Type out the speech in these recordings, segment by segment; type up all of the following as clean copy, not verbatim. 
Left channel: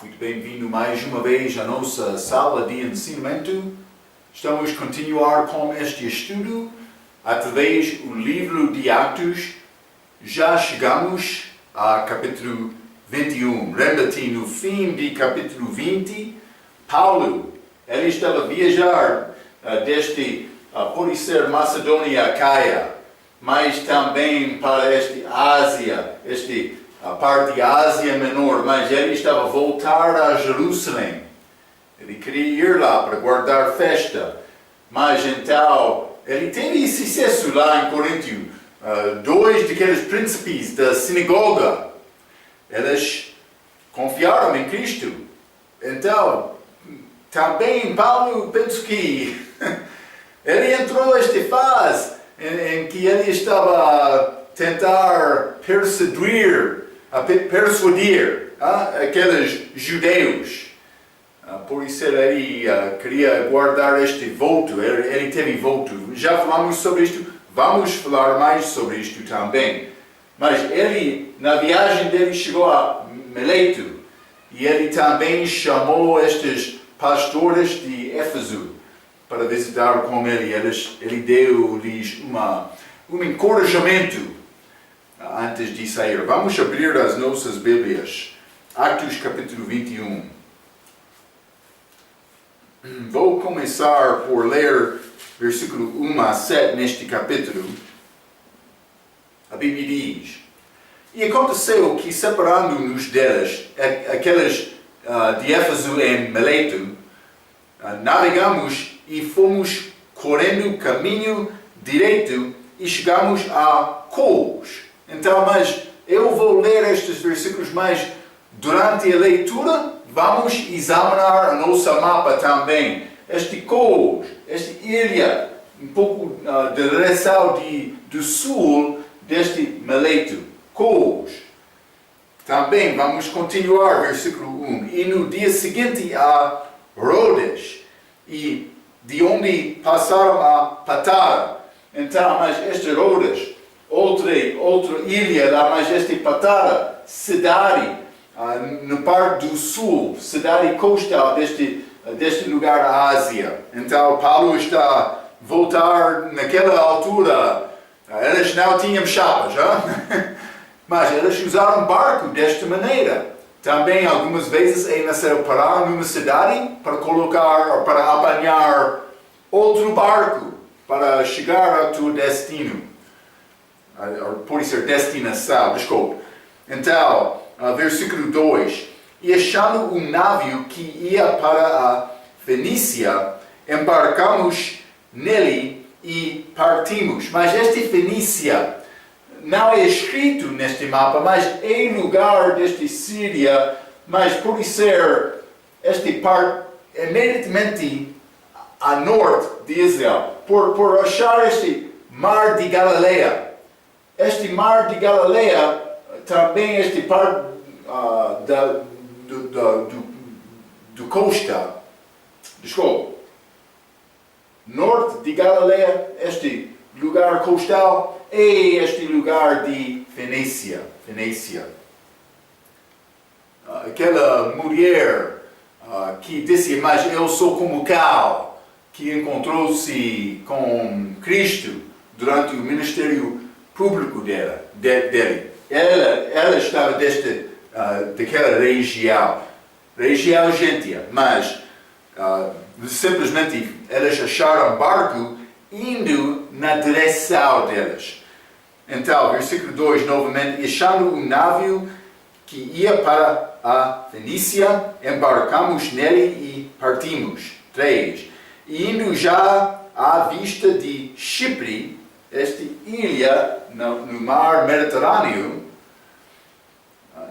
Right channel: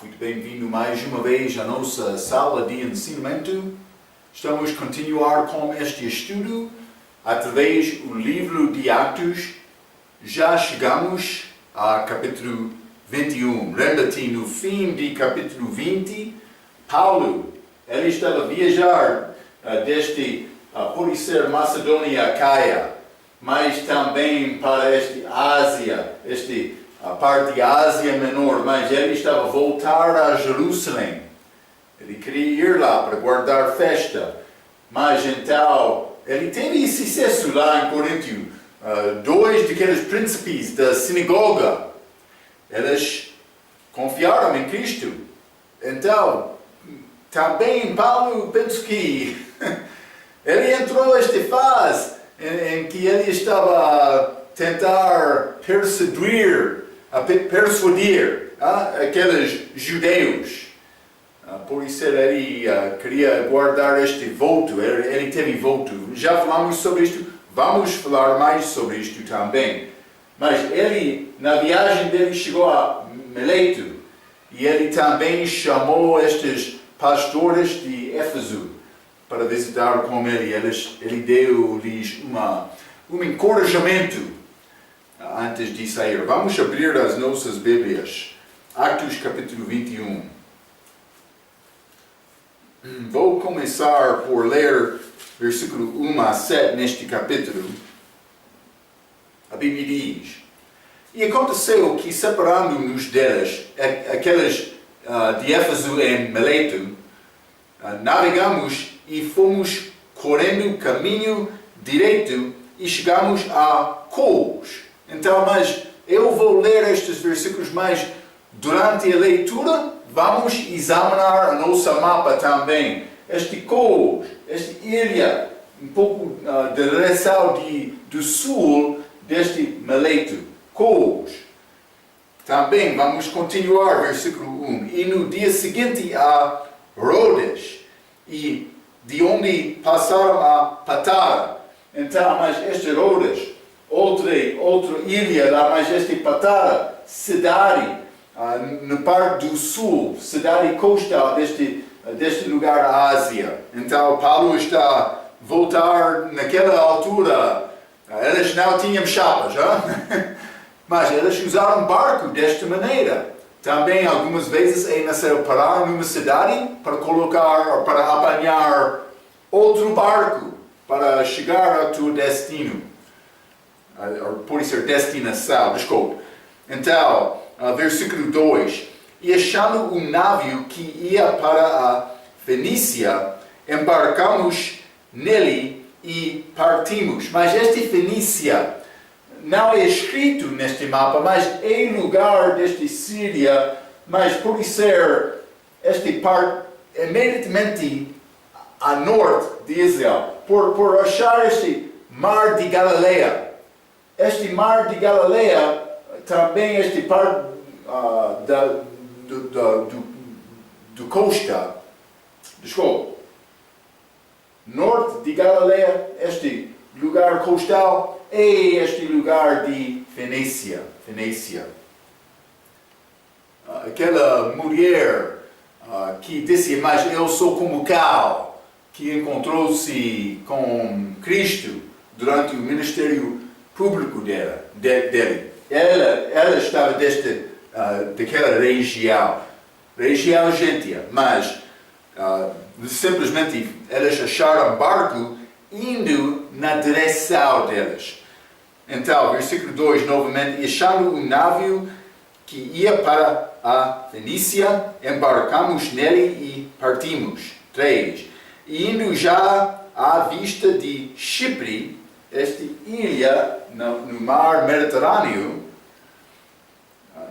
Muito bem-vindo mais uma vez à nossa sala de ensinamento. Estamos a continuar com este estudo através do livro de Atos. Já chegamos a capítulo 21. Lembra-te, no fim de capítulo 20, Paulo, ele estava a viajar desde, pode ser Macedônia a Caia, mas também para Ásia, a parte de Ásia Menor, mas ele estava a voltar a Jerusalém. Ele queria ir lá para guardar festa, mas então ele teve sucesso lá em Corinto. Dois daqueles príncipes da sinagoga, eles confiaram em Cristo. Então, também Paulo, penso que ele entrou nesta fase em que ele estava a tentar persuadir aqueles judeus. Por isso ele queria guardar este voto, ele teve voto. Já falamos sobre isto, vamos falar mais sobre isto também. Mas ele, na viagem dele, chegou a Mileto e ele também chamou estes pastores de Éfeso para visitar com ele. Ele deu-lhes um encorajamento antes de sair. Vamos abrir as nossas Bíblias. Atos capítulo 21. Vou começar por ler versículo 1 a 7 neste capítulo. A Bíblia diz: E aconteceu que, separando-nos deles, aqueles de Éfeso em Mileto, navegamos e fomos correndo caminho direito e chegamos a Cos. Então, mas eu vou ler estes versículos, mas durante a leitura vamos examinar a nossa mapa também. Este Cos, esta ilha, um pouco da direção do sul deste Mileto, Cos. Também vamos continuar, versículo 1. E no dia seguinte a Rhodes, e de onde passaram a Patara. Então, mas este Rhodes, outra ilha lá, mas este Patara, cidade, na parte do sul, cidade coastal deste lugar da Ásia. Então, Paulo está a voltar naquela altura. Eles não tinham chapas, mas eles usaram barco desta maneira. Também, algumas vezes, é necessário parar numa cidade para apanhar outro barco para chegar ao teu destino. Pode ser destinação, desculpe. Então, versículo 2. E achando um navio que ia para a Fenícia, embarcamos nele e partimos. Mas este Fenícia não é escrito neste mapa, mas é lugar deste Síria, mas pode ser este parte imediatamente a norte de Israel. Por achar este mar de Galileia. Este mar de Galileia também este parte do costa, desculpa, norte de Galileia, este lugar coastal, é este lugar de Fenícia. Aquela mulher que disse, mas eu sou como Cal, que encontrou-se com Cristo durante o ministério público dele. Ela estava daquela região gentia, mas simplesmente eles acharam barco indo na direção deles. Então, versículo 2, novamente, achando um navio que ia para a Fenícia, embarcamos nele e partimos. 3. E indo já à vista de Chipre, esta ilha no mar Mediterrâneo,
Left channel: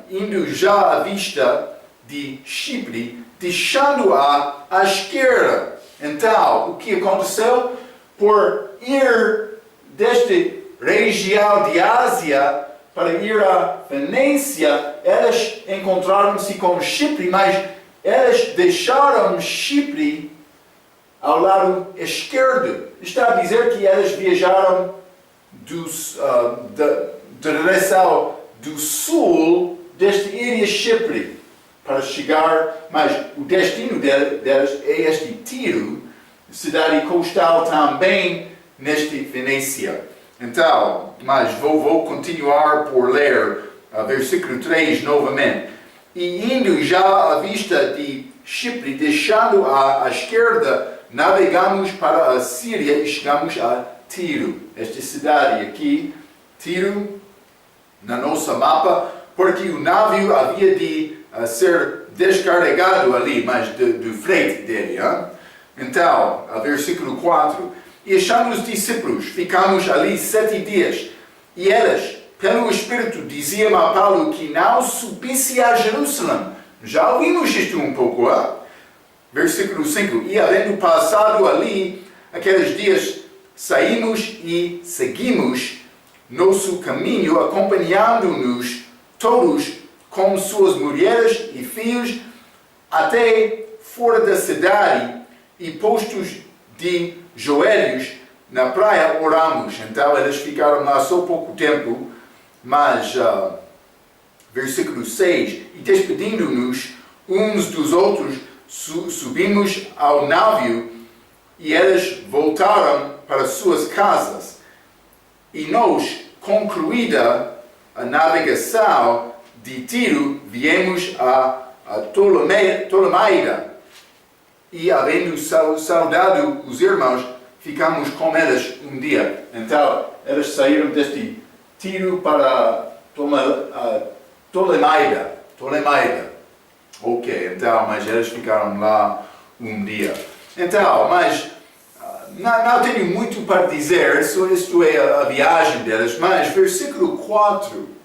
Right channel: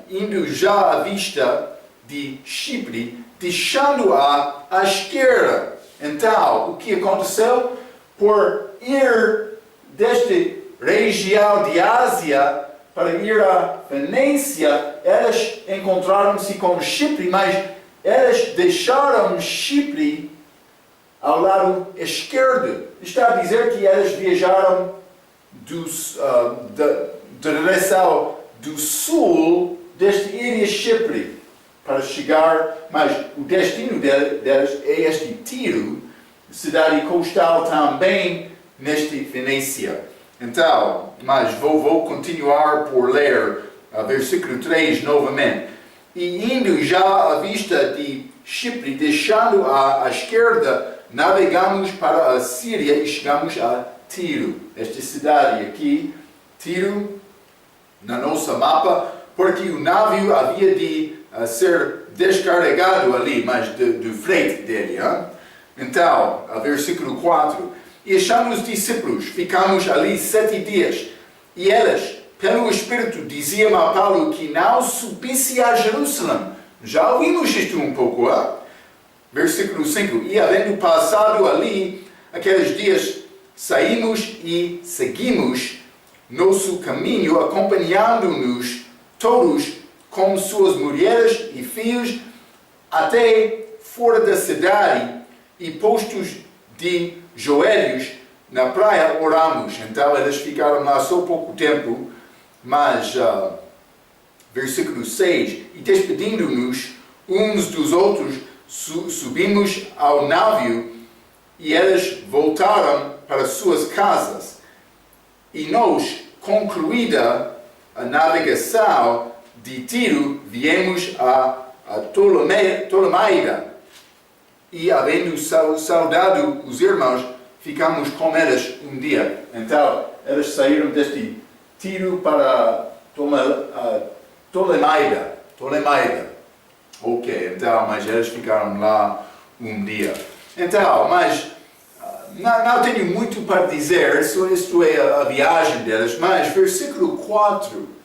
indo já à vista de Chipre, deixando-a à esquerda. Então, o que aconteceu? Por ir desta região de Ásia para ir à Fenícia, eles encontraram-se com Chipre, mas eles deixaram Chipre ao lado esquerdo. Está a dizer que eles viajaram da direção do sul desta ilha Chipre para chegar, mas o destino delas é este Tiro, cidade costal também neste Venécia. Então, mas vou continuar por ler versículo 3 novamente. E indo já à vista de Chipre, deixando à esquerda, navegamos para a Síria e chegamos a Tiro. Esta cidade aqui, Tiro, na nossa mapa, porque o navio havia de ser descarregado ali, mas do frete dele. Hein? Então, versículo 4. E achamos os discípulos, ficamos ali 7 dias. E eles, pelo Espírito, diziam a Paulo que não subisse a Jerusalém. Já ouvimos isto um pouco, hein? Versículo 5. E havendo passado ali aqueles dias, saímos e seguimos nosso caminho, acompanhando-nos todos com suas mulheres e filhos, até fora da cidade, e postos de joelhos na praia, oramos. Então eles ficaram lá só pouco tempo, mas versículo 6, e despedindo-nos uns dos outros, subimos ao navio, e eles voltaram para suas casas. E nós, concluída a navegação de Tiro, viemos a Ptolemaida. E, havendo saudado os irmãos, ficamos com eles um dia. Então, eles saíram deste Tiro para Ptolemaida. Ok, então, mas eles ficaram lá um dia. Então, mas não tenho muito para dizer, isto é a viagem deles, mas versículo 4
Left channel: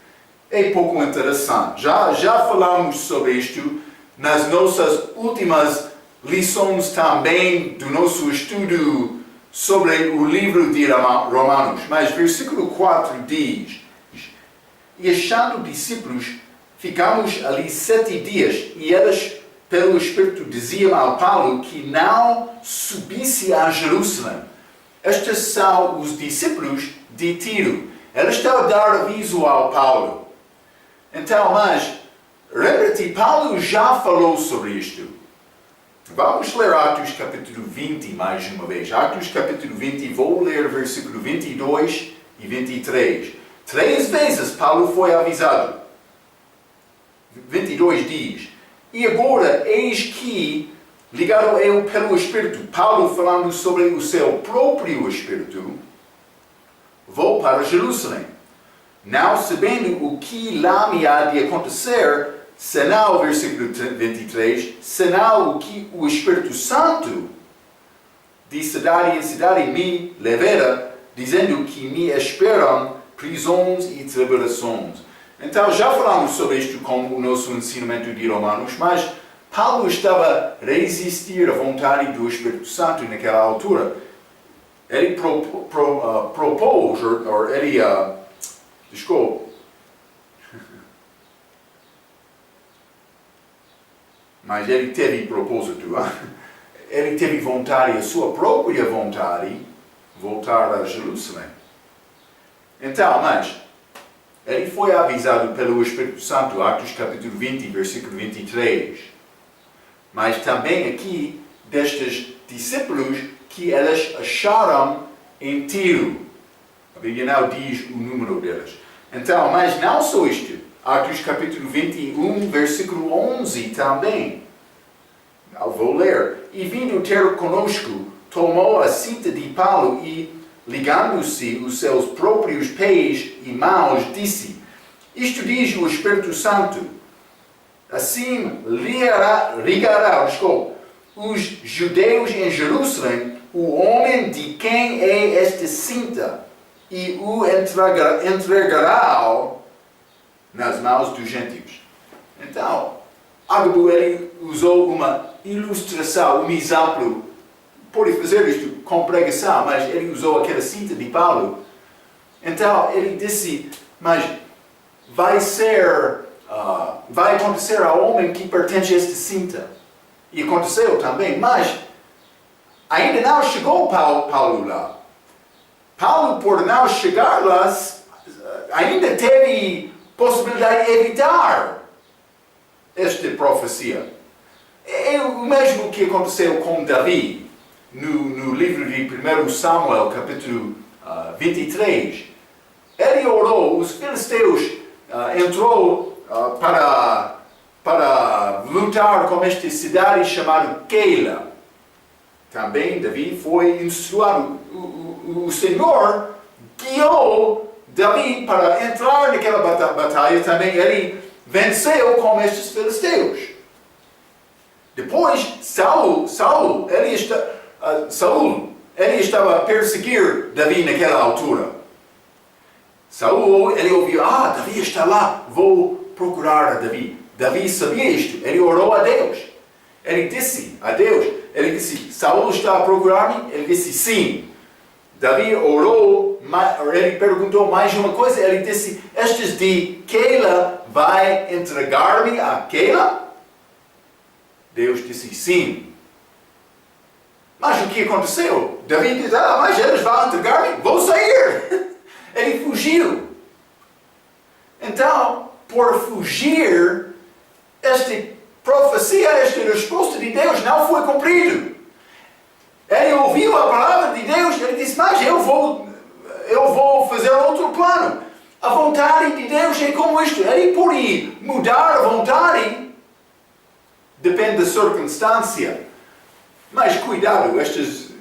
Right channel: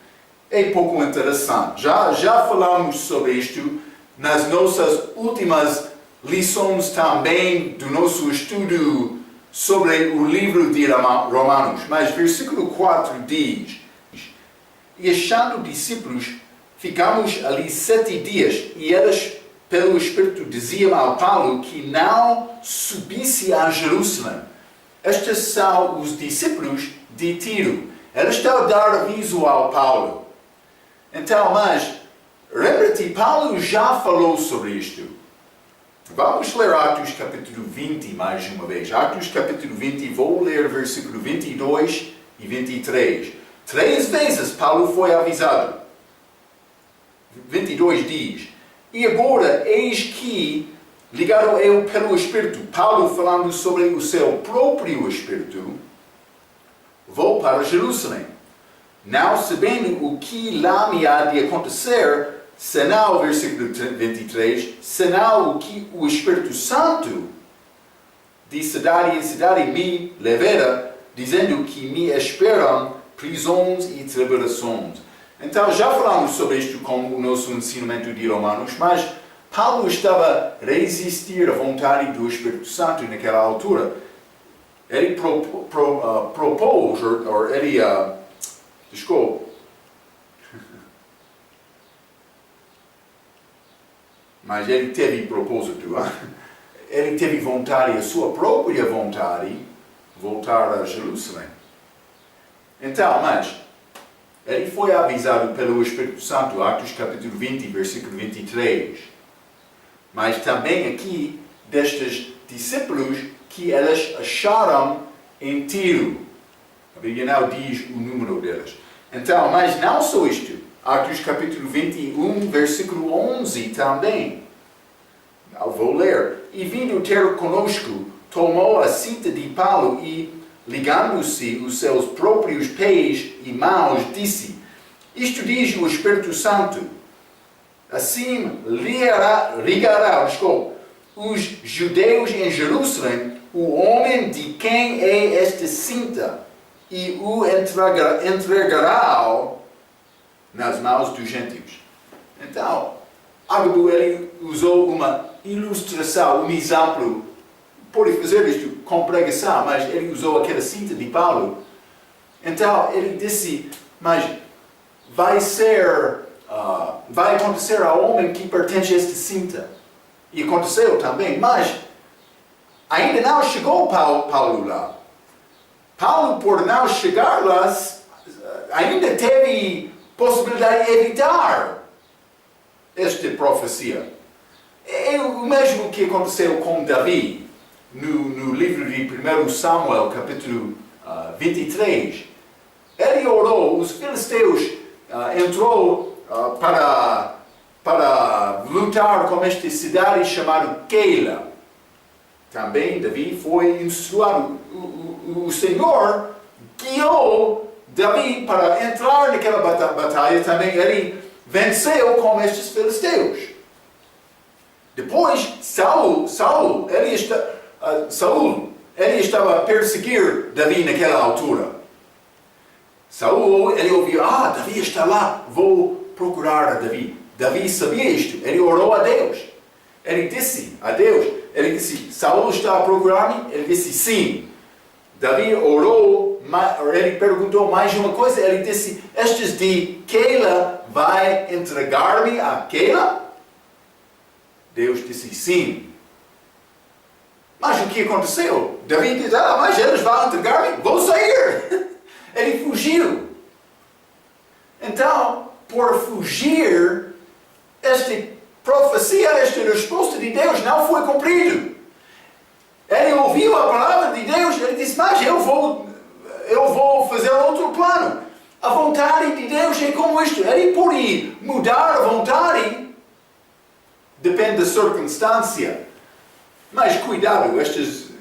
é pouco interessante. Já falamos sobre isto nas nossas últimas lições também do nosso estudo sobre o livro de Romanos. Mas versículo 4 diz: E achando discípulos, ficamos ali 7 dias, e eles, pelo Espírito, diziam ao Paulo que não subisse a Jerusalém. Estes são os discípulos de Tiro. Eles estão a dar aviso ao Paulo. Então, mas, lembra-te, Paulo já falou sobre isto. Vamos ler Atos capítulo 20 mais uma vez. Atos capítulo 20, vou ler versículo 22 e 23. 3 vezes Paulo foi avisado. 22 diz: E agora, eis que, ligado eu pelo Espírito, Paulo falando sobre o seu próprio Espírito, vou para Jerusalém, não sabendo o que lá me há de acontecer, senão, versículo 23, senão o que o Espírito Santo de cidade em cidade me levara, dizendo que me esperam prisões e tribulações. Então, já falamos sobre isto com o nosso ensinamento de Romanos, mas Paulo estava a resistir à vontade do Espírito Santo naquela altura. Ele propôs, ou ele, desculpa, mas ele teve propósito, ele teve vontade, a sua própria vontade, voltar a Jerusalém. Então, mas ele foi avisado pelo Espírito Santo, Atos capítulo 20, versículo 23. Mas também aqui, destes discípulos que eles acharam em Tiro. A Bíblia não diz o número deles. Então, mas não só isto. Atos capítulo 21, versículo 11 também. Eu vou ler. E vindo ter conosco, tomou a cinta de Paulo e, ligando-se os seus próprios pés e mãos, disse: Isto diz o Espírito Santo. Assim ligará os judeus em Jerusalém o homem de quem é esta cinta e o entregará nas mãos dos gentios. Então, Agabo, ele usou uma ilustração, um exemplo. Pode fazer isto com pregação, mas ele usou aquela cinta de Paulo. Então, ele disse, mas vai acontecer ao homem que pertence a esta cinta. E aconteceu também, mas ainda não chegou Paulo lá. Paulo, por não chegar lá, ainda teve possibilidade de evitar esta profecia? É o mesmo que aconteceu com Davi, no livro de 1 Samuel, capítulo 23. Ele orou, os filisteus entrou para lutar com esta cidade chamada Keila. Também Davi foi instruído. O Senhor guiou Davi para entrar naquela batalha. Também ele venceu com estes filisteus. Depois, Saul, ele estava a perseguir Davi naquela altura. Saul, ele ouviu, Davi está lá, vou procurar a Davi. Davi sabia isto, ele orou a Deus. Ele disse a Deus, Saul está a procurar-me? Ele disse, sim. Davi orou, ele perguntou mais uma coisa, ele disse, estes de Keila vai entregar-me a Keila? Deus disse, sim. Mas o que aconteceu? Davi disse, mas eles vão entregar-me? Vou sair. Ele fugiu. Então, por fugir, esta profecia, esta resposta de Deus não foi cumprida. Ele ouviu a palavra de Deus, ele disse, mas eu vou fazer outro plano. A vontade de Deus é como isto. Ele pode mudar a vontade, depende da circunstância. Mas cuidado, estes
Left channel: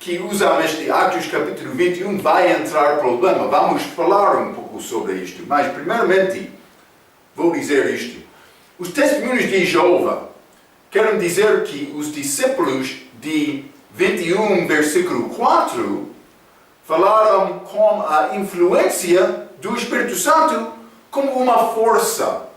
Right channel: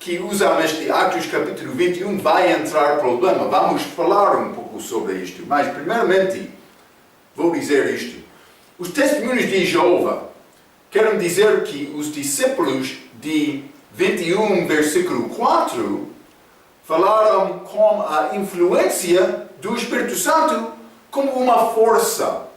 que usam este Atos capítulo 21 vai entrar problema. Vamos falar um pouco sobre isto. Mas primeiramente, vou dizer isto. Os testemunhos de Jeová querem dizer que os discípulos de 21, versículo 4, falaram com a influência do Espírito Santo como uma força.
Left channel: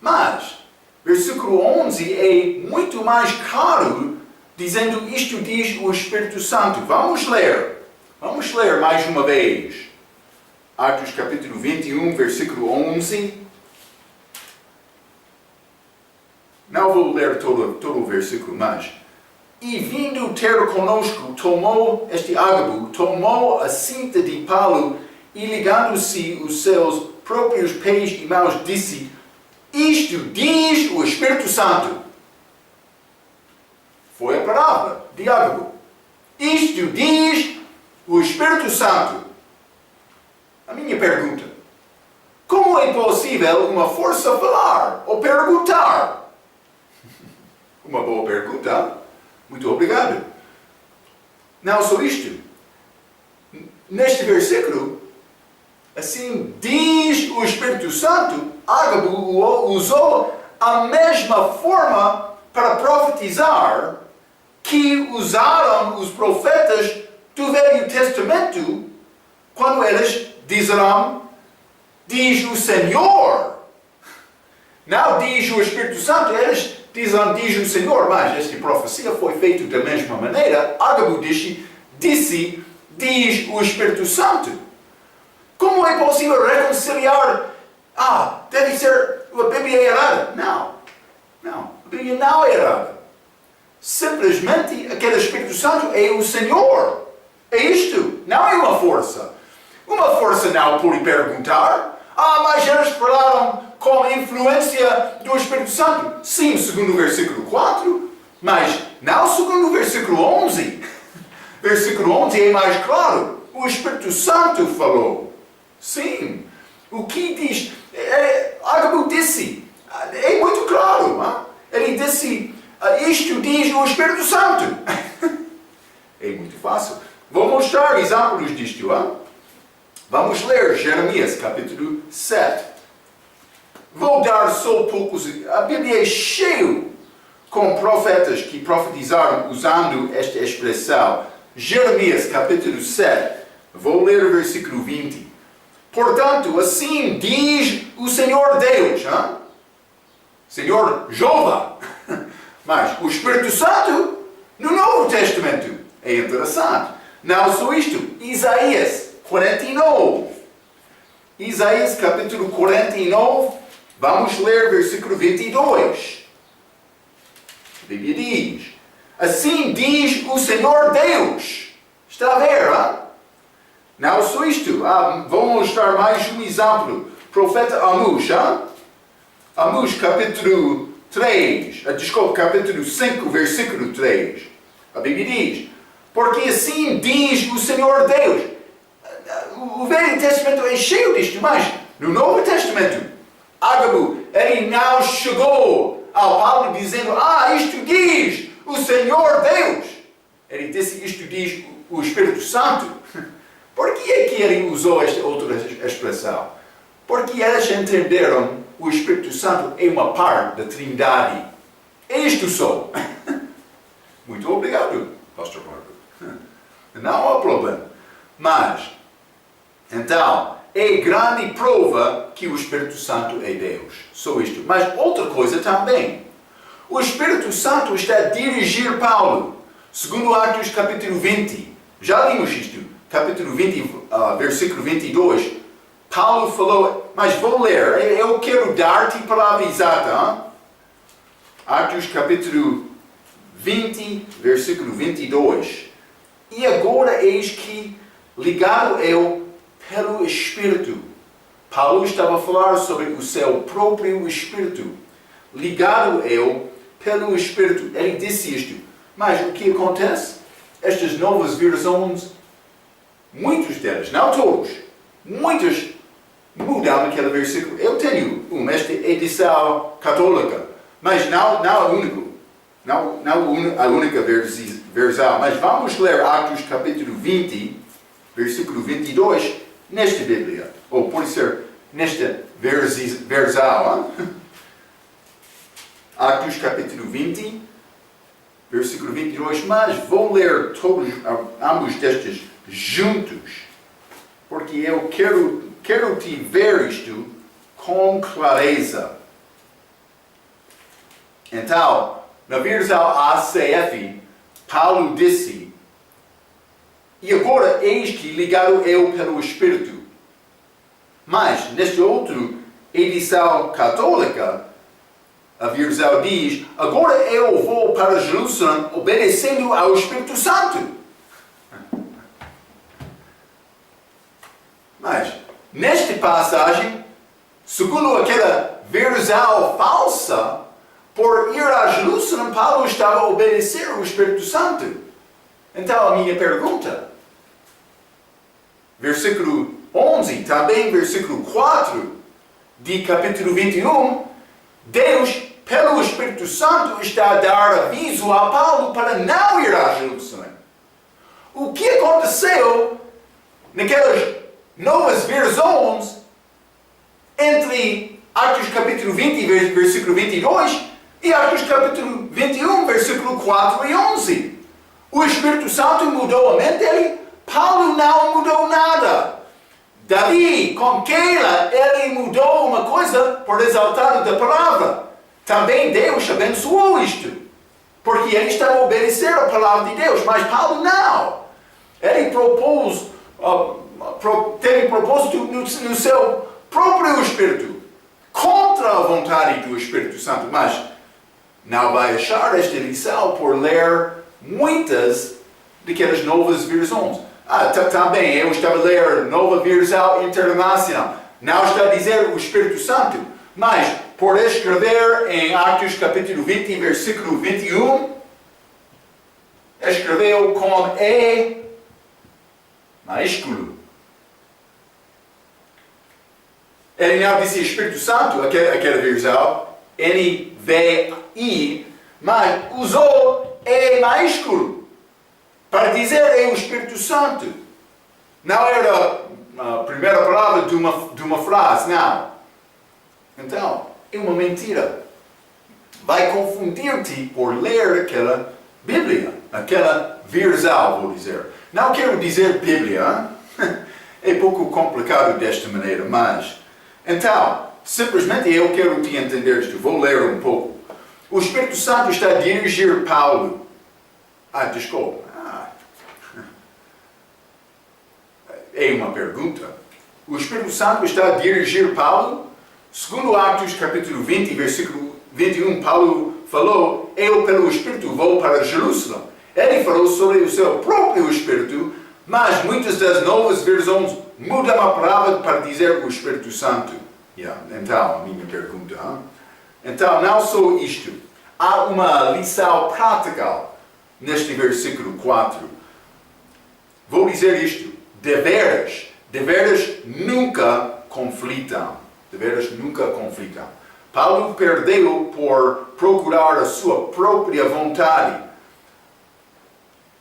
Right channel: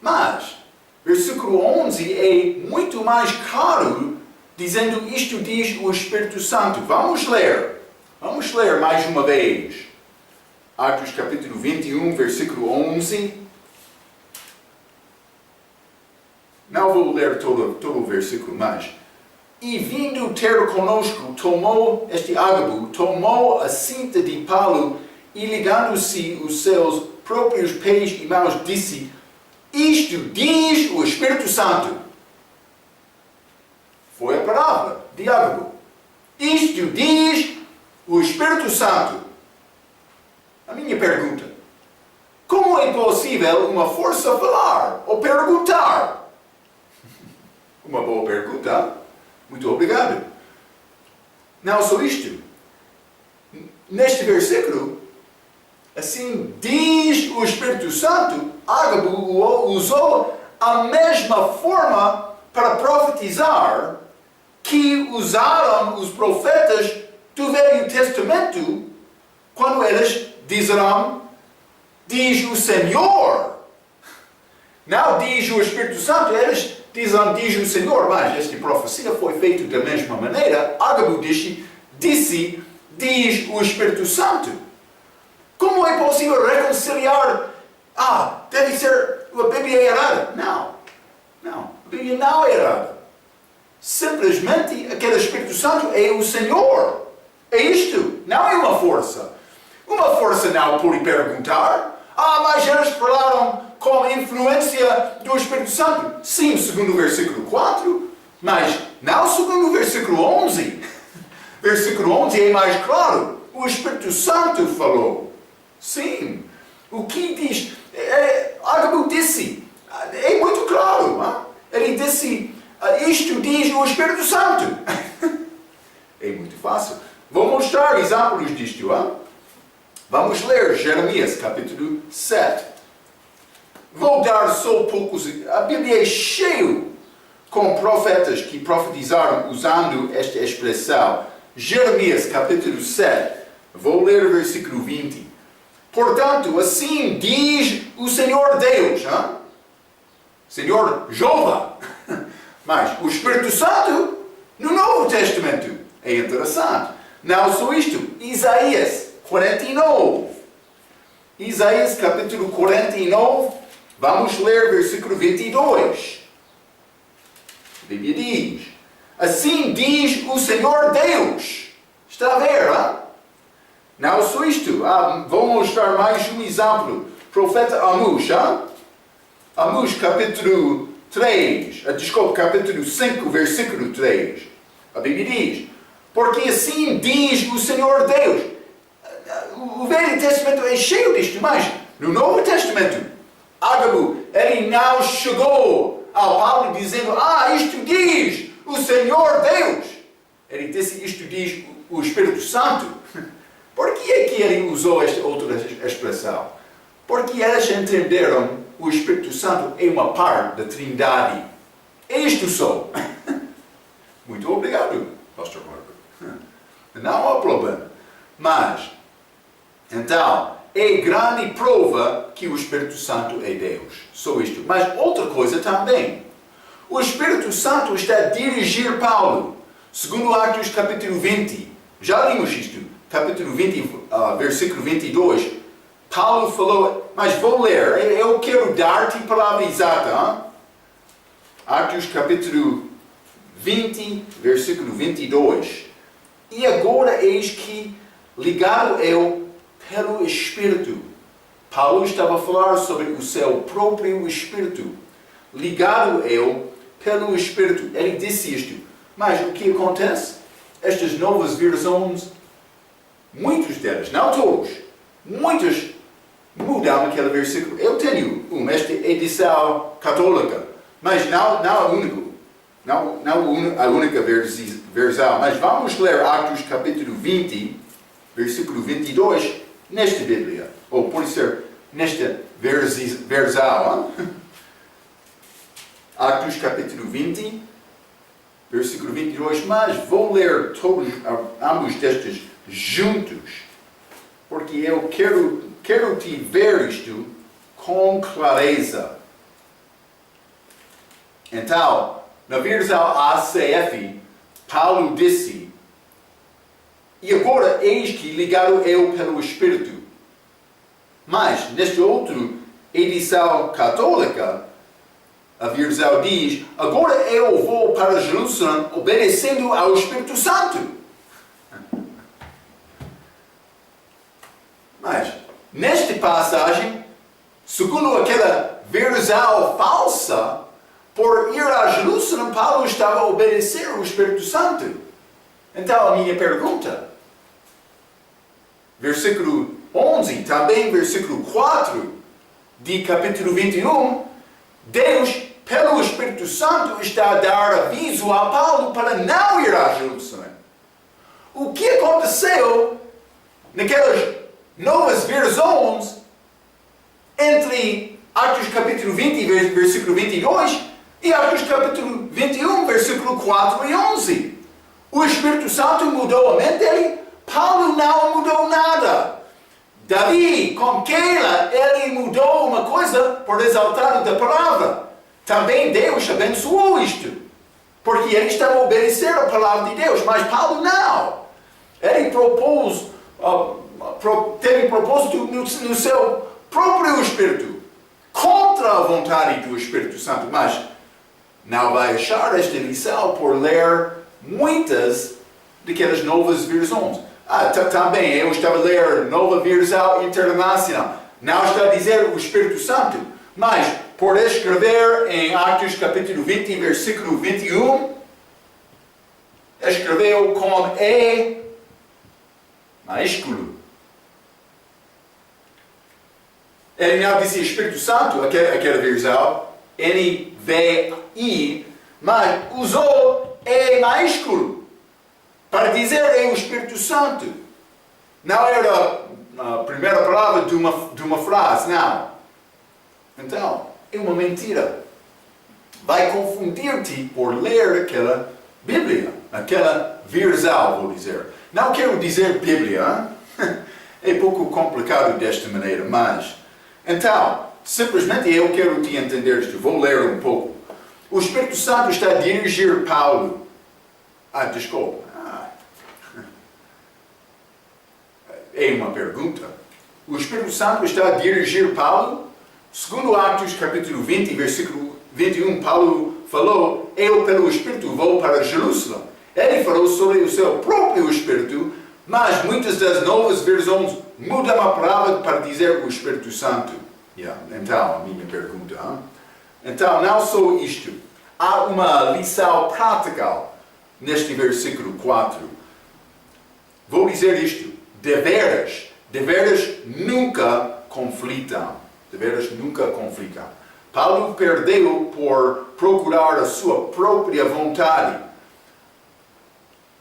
Mas, versículo 11 é muito mais claro, dizendo isto diz o Espírito Santo. Vamos ler mais uma vez. Atos capítulo 21, versículo 11. Não vou ler todo o versículo, mas... E vindo ter conosco, tomou a cinta de Paulo e ligando-se os seus próprios pés e mãos, disse, isto diz o Espírito Santo. Foi a palavra de Ágabo. Isto diz o Espírito Santo. A minha pergunta, como é possível uma força falar ou perguntar? Uma boa pergunta. Muito obrigado. Não só isto. Neste versículo, assim diz o Espírito Santo, Ágabo usou a mesma forma para profetizar que usaram os profetas do Velho Testamento quando eles disseram, diz o Senhor. Não diz o Espírito Santo, eles diz o Senhor, mas esta profecia foi feita da mesma maneira. Ágabo disse, diz o Espírito Santo. Como é possível reconciliar? Deve ser, a Bíblia é errada. Não, a Bíblia não é errada. Simplesmente aquele Espírito Santo é o Senhor. É isto, não é uma força. Uma força não pode perguntar, mas eles falaram com a influência do Espírito Santo. Sim, segundo o versículo 4, mas não segundo o versículo 11. Versículo 11 é mais claro. O Espírito Santo falou. Sim. O que diz? Ágabo disse. É muito claro. Ele disse, isto diz o Espírito Santo. É muito fácil. Vou mostrar exemplos disto. Vamos ler Jeremias, capítulo 7. Vou dar só poucos. A Bíblia é cheia com profetas que profetizaram usando esta expressão. Jeremias, capítulo 7. Vou ler o versículo 20. Portanto, assim diz o Senhor Deus. Senhor Jeová. Mas o Espírito Santo no Novo Testamento. É interessante. Não só isto. Isaías 49. Isaías, capítulo 49. Vamos ler versículo 22. A Bíblia diz, assim diz o Senhor Deus. Está a ver, Não só isto. Vou mostrar mais um exemplo. Profeta Amós, Amós capítulo 3, desculpa, capítulo 5, versículo 3. A Bíblia diz, porque assim diz o Senhor Deus. O Velho Testamento é cheio disto, mas no Novo Testamento, Ágabo, ele não chegou ao Paulo dizendo, isto diz o Senhor Deus. Ele disse, isto diz o Espírito Santo. Por que é que ele usou esta outra expressão? Porque eles entenderam o Espírito Santo é uma parte da Trindade. Isto só. Muito obrigado, Pastor Marco. Não há problema. Mas, então, é grande prova que o Espírito Santo é Deus. Só isto. Mas outra coisa também. O Espírito Santo está a dirigir Paulo. Segundo Atos capítulo 20. Já lemos isto. Capítulo 20, versículo 22. Paulo falou, mas vou ler. Eu quero dar-te a palavra exata. Hein? Atos capítulo 20, versículo 22. E agora eis que, ligado eu pelo Espírito. Paulo estava a falar sobre o seu próprio Espírito. Ligado eu pelo Espírito. Ele disse isto. Mas o que acontece? Estas novas versões, muitos delas, não todos, muitas mudam aquele versículo. Eu tenho esta edição católica, mas não a única. Não a única versão, mas vamos ler Atos capítulo 20, versículo 22, nesta Bíblia. Ou pode ser nesta versão. Atos capítulo 20, versículo 22. Mas vou ler todos, ambos destes juntos, porque eu quero te ver isto com clareza. Então, na versão ACF, Paulo disse, e agora eis que ligado eu pelo Espírito. Mas, nesta outra edição católica, a versão diz, agora eu vou para Jerusalém obedecendo ao Espírito Santo. Mas, nesta passagem, segundo aquela versão falsa, por ir a Jerusalém, Paulo estava a obedecer ao Espírito Santo. Então, a minha pergunta, versículo 11, também versículo 4 de capítulo 21, Deus, pelo Espírito Santo, está a dar aviso a Paulo para não ir a Jerusalém. O que aconteceu naquelas novas versões entre Atos capítulo 20, versículo 22 e Atos capítulo 21, versículo 4 e 11. O Espírito Santo mudou a mente dele, Paulo não mudou nada. Davi, com Keila, ele mudou uma coisa por resultado da palavra. Também Deus abençoou isto, porque ele estava a obedecer a palavra de Deus, mas Paulo não. Ele teve propósito no seu próprio Espírito, contra a vontade do Espírito Santo, mas não vai achar esta lição por ler muitas daquelas novas versões. Também eu estava a ler nova versão internacional. Não está a dizer o Espírito Santo, mas por escrever em Atos capítulo 20, versículo 21, escreveu com E maiúsculo. Ele não disse Espírito Santo, aquela versão, NVI, mas usou E maiúsculo para dizer é o Espírito Santo. Não era a primeira palavra de uma frase, não. Então, é uma mentira. Vai confundir-te por ler aquela Bíblia, aquela versão, vou dizer. Não quero dizer Bíblia, é pouco complicado desta maneira, mas... Então, simplesmente eu quero te entender isto. Vou ler um pouco. O Espírito Santo está a dirigir Paulo. Desculpa. É uma pergunta. O Espírito Santo está a dirigir Paulo. Segundo Atos capítulo 20, versículo 21, Paulo falou, eu pelo Espírito vou para Jerusalém. Ele falou sobre o seu próprio Espírito, mas muitas das novas versões mudam a palavra para dizer o Espírito Santo. Então, a minha pergunta. Então, não só isto. Há uma lição prática neste versículo 4. Vou dizer isto. Deveres nunca conflitam. Deveres nunca conflitam. Paulo perdeu por procurar a sua própria vontade.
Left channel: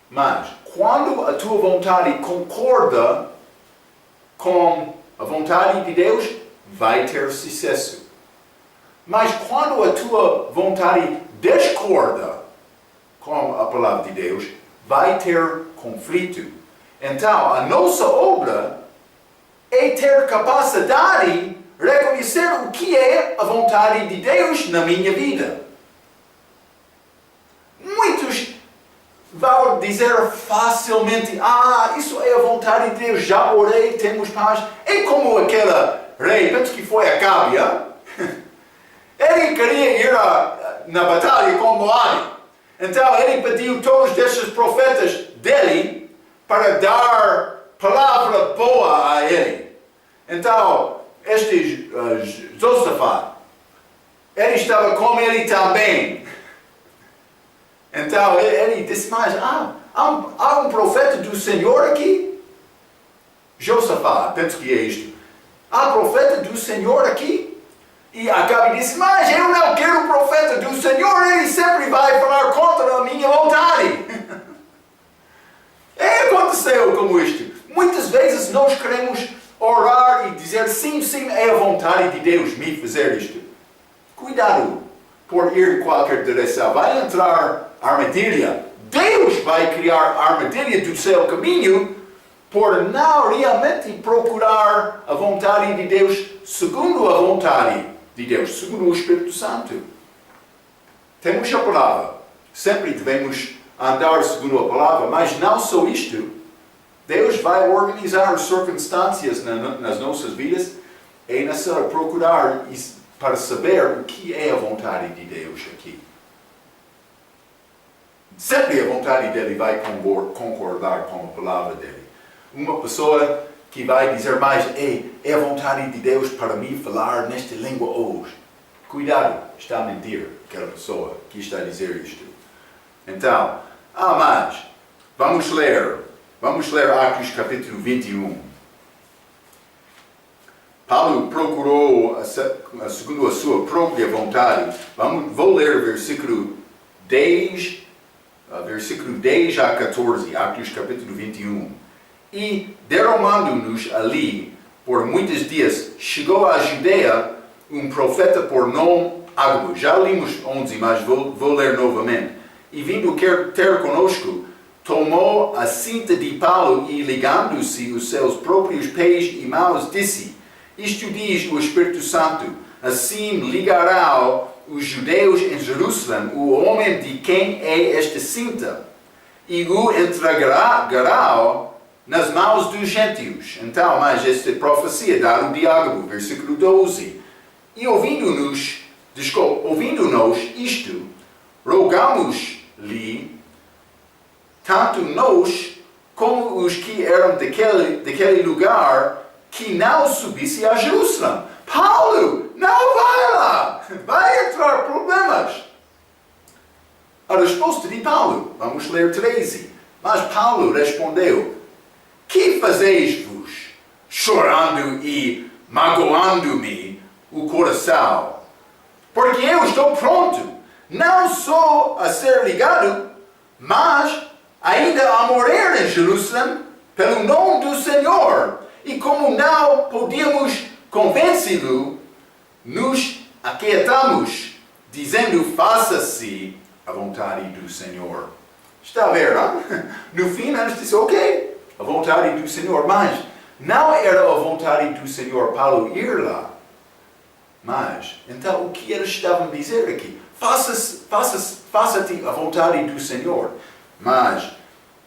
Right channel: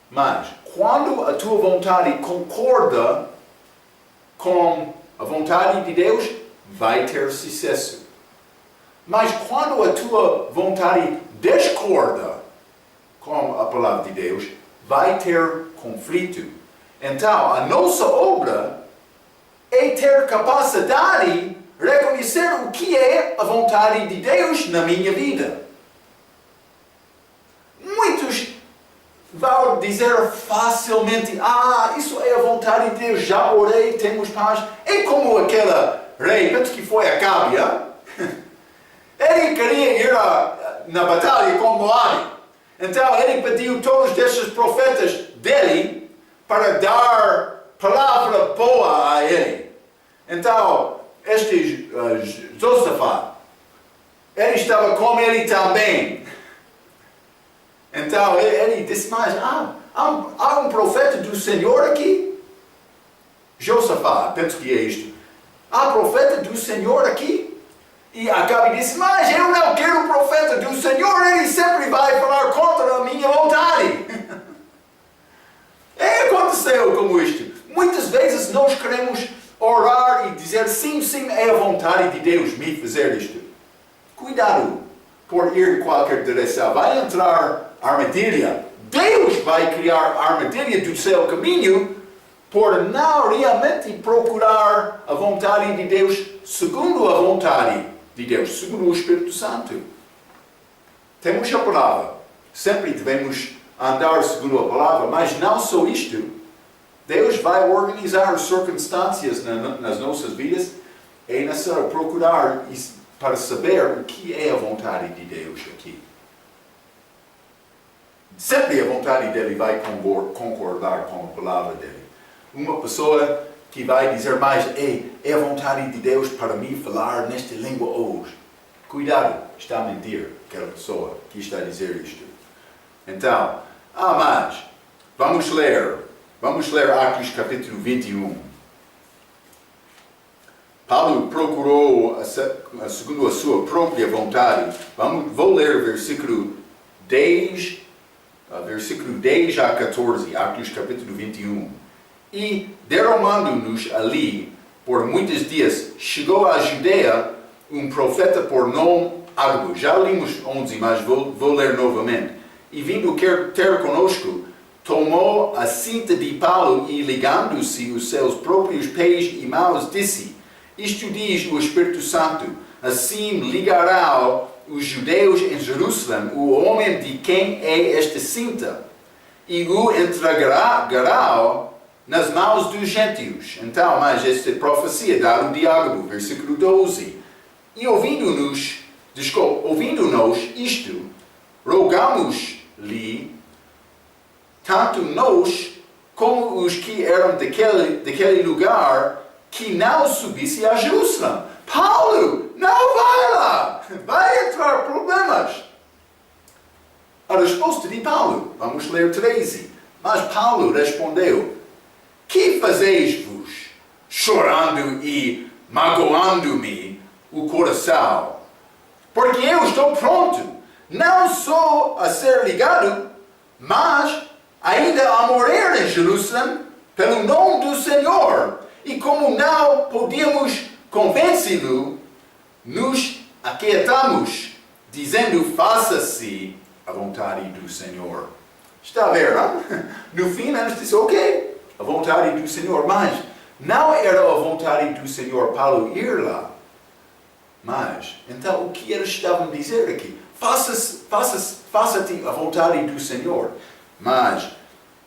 Mas, quando a tua vontade concorda com a vontade de Deus, vai ter sucesso. Mas quando a tua vontade discorda com a palavra de Deus, vai ter conflito. Então, a nossa obra é ter capacidade de reconhecer o que é a vontade de Deus na minha vida. Muitos vão dizer facilmente, isso é a vontade de Deus, já orei, temos paz. É como aquele rei, penso que foi Acabe, ele queria ir na batalha com Moabe. Então ele pediu todos esses profetas dele para dar palavra boa a ele. Então, este Josafá, ele estava com ele também. Então ele disse, mas há um profeta do Senhor aqui? Josafá, penso que é isto. Há profeta do Senhor aqui? E Acabe disse, mas eu não quero o profeta do Senhor, ele sempre vai falar contra a minha vontade. Aconteceu como isto. Muitas vezes nós queremos orar e dizer, sim, é a vontade de Deus me fazer isto. Cuidado por ir em qualquer direção. Vai entrar armadilha. Deus vai criar armadilha do seu caminho por não realmente procurar a vontade de Deus segundo a vontade de Deus, segundo o Espírito Santo. Temos a palavra. Sempre devemos andar segundo a palavra, mas não só isto. Deus vai organizar as circunstâncias nas nossas vidas. É necessário procurar para saber o que é a vontade de Deus aqui. Sempre a vontade dele vai concordar com a palavra dele. Uma pessoa que vai dizer mais, é a vontade de Deus para mim falar nesta língua hoje. Cuidado, está a mentir aquela pessoa que está a dizer isto. Então, mas, vamos ler Atos capítulo 21. Paulo procurou, segundo a sua própria vontade, vou ler versículo 10 a 14, Atos capítulo 21. E derramando-nos ali por muitos dias, chegou à Judeia um profeta por nome Agabo. Já limos 11, mas vou ler novamente. E vindo ter conosco, tomou a cinta de Paulo e ligando-se os seus próprios pés e mãos, disse, isto diz o Espírito Santo, assim ligará os judeus em Jerusalém o homem de quem é esta cinta, e o entregará nas mãos dos gentios. Então, mas esta profecia dada de Agabo, versículo 12. E ouvindo-nos isto, rogamos-lhe, tanto nós como os que eram daquele lugar, que não subisse a Jerusalém. Paulo, não vai lá! Vai entrar problemas. A resposta de Paulo, vamos ler 13. Mas Paulo respondeu, que fazeis-vos, chorando e magoando-me o coração? Porque eu estou pronto, não só a ser ligado, mas ainda a morrer em Jerusalém, pelo nome do Senhor. E como não podíamos convencê-lo, nos aquietamos, dizendo, faça-se a vontade do Senhor. Está a ver, não? No fim, eles disseram, ok, a vontade do Senhor. Mas não era a vontade do Senhor Paulo ir lá. Mas, então, o que eles estavam a dizer aqui? Faça-te a vontade do Senhor. Mas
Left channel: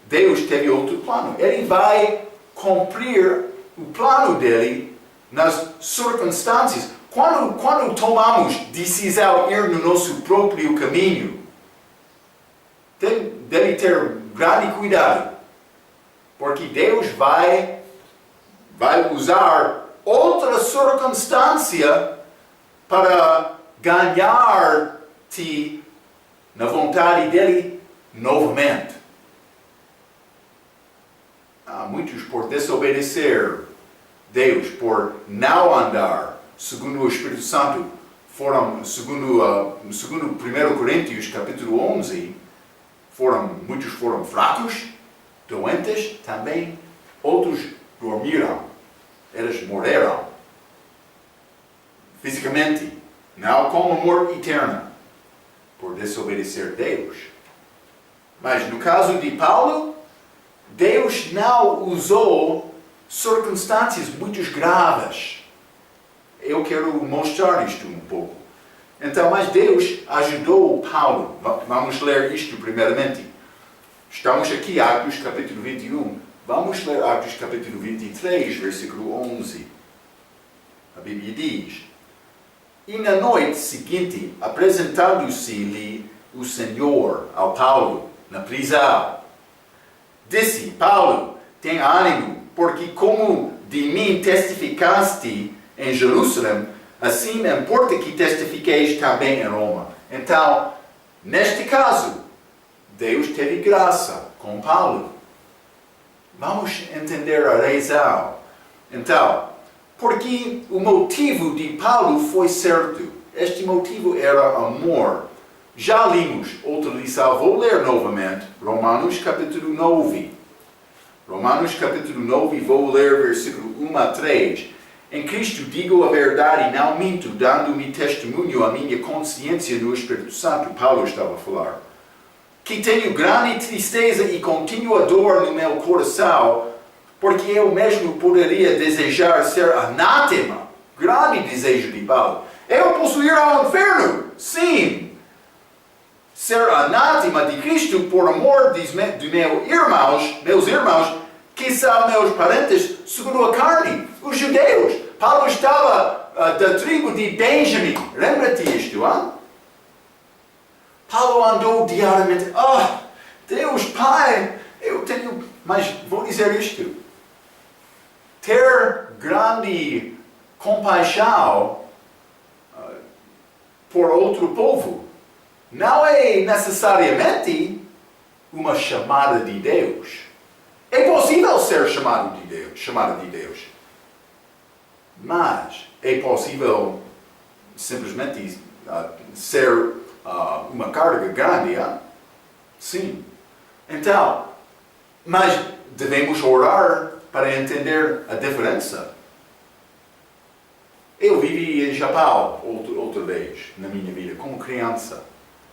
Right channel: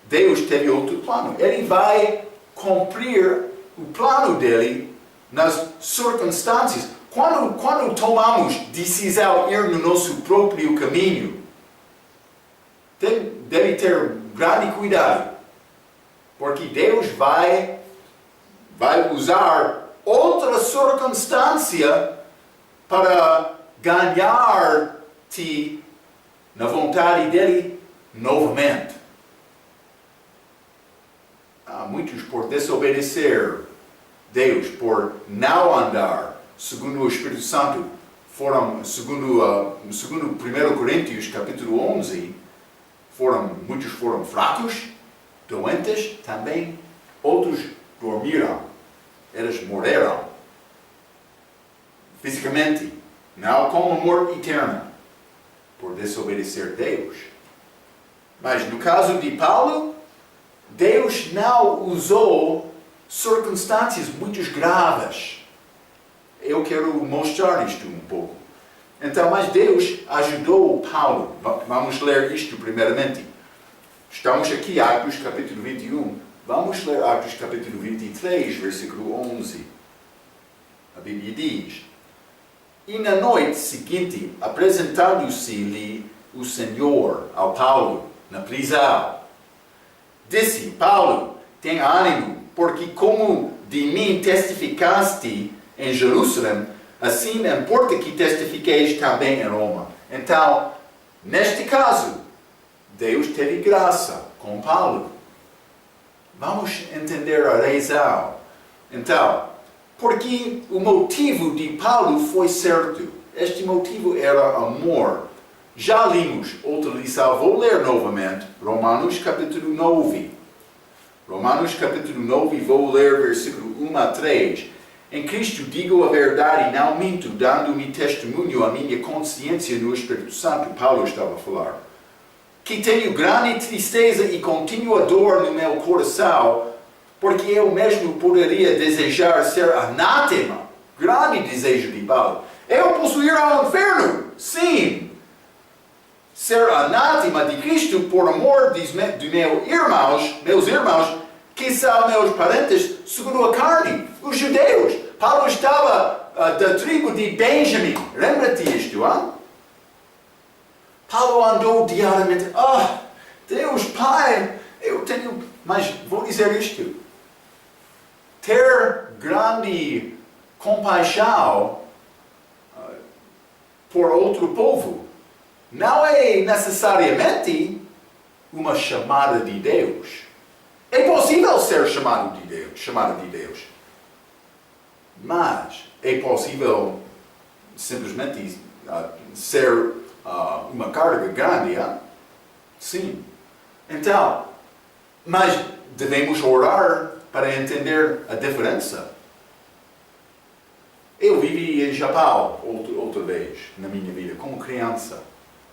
Deus teve outro plano. Ele vai cumprir o plano dele nas circunstâncias. Quando tomamos decisão de ir no nosso próprio caminho, deve ter grande cuidado. Porque Deus vai usar outra circunstância para ganhar-te na vontade dele novamente. Há muitos por desobedecer Deus, por não andar segundo o Espírito Santo, segundo 1 Coríntios capítulo 11, muitos foram fracos, doentes, também outros dormiram, eles morreram fisicamente, não com a morte eterna, por desobedecer Deus. Mas no caso de Paulo, Deus não usou circunstâncias muito graves. Eu quero mostrar isto um pouco. Então, mas Deus ajudou Paulo. Vamos ler isto primeiramente. Estamos aqui, Atos capítulo 21. Vamos ler Atos capítulo 23, versículo 11. A Bíblia diz: E na noite seguinte, apresentando-se-lhe o Senhor ao Paulo na prisão, disse: Paulo, tem ânimo, porque como de mim testificaste em Jerusalém, assim importa que testifiqueis também em Roma. Então, neste caso, Deus teve graça com Paulo. Vamos entender a razão. Então, porque o motivo de Paulo foi certo. Este motivo era amor. Já limos outra lição, vou ler novamente, Romanos capítulo 9. Romanos capítulo 9, vou ler versículo 1 a 3. Em Cristo digo a verdade e não minto, dando-me testemunho a minha consciência no Espírito Santo, Paulo estava a falar, que tenho grande tristeza e contínua dor no meu coração, porque eu mesmo poderia desejar ser anátema, grande desejo de Paulo. Eu posso ir ao inferno, sim. Ser anátema de Cristo por amor dos meus irmãos, que são meus parentes segundo a carne, os judeus. Paulo estava da tribo de Benjamim. Lembra-te isto, hein? Paulo andou diariamente. Deus Pai, eu tenho... Mas vou dizer isto. Ter grande compaixão por outro povo não é necessariamente uma chamada de Deus. É possível ser chamado de Deus. Mas é possível simplesmente ser uma carga grande, hein? Sim. Então, mas devemos orar para entender a diferença. Eu vivi em Japão outra vez na minha vida, como criança.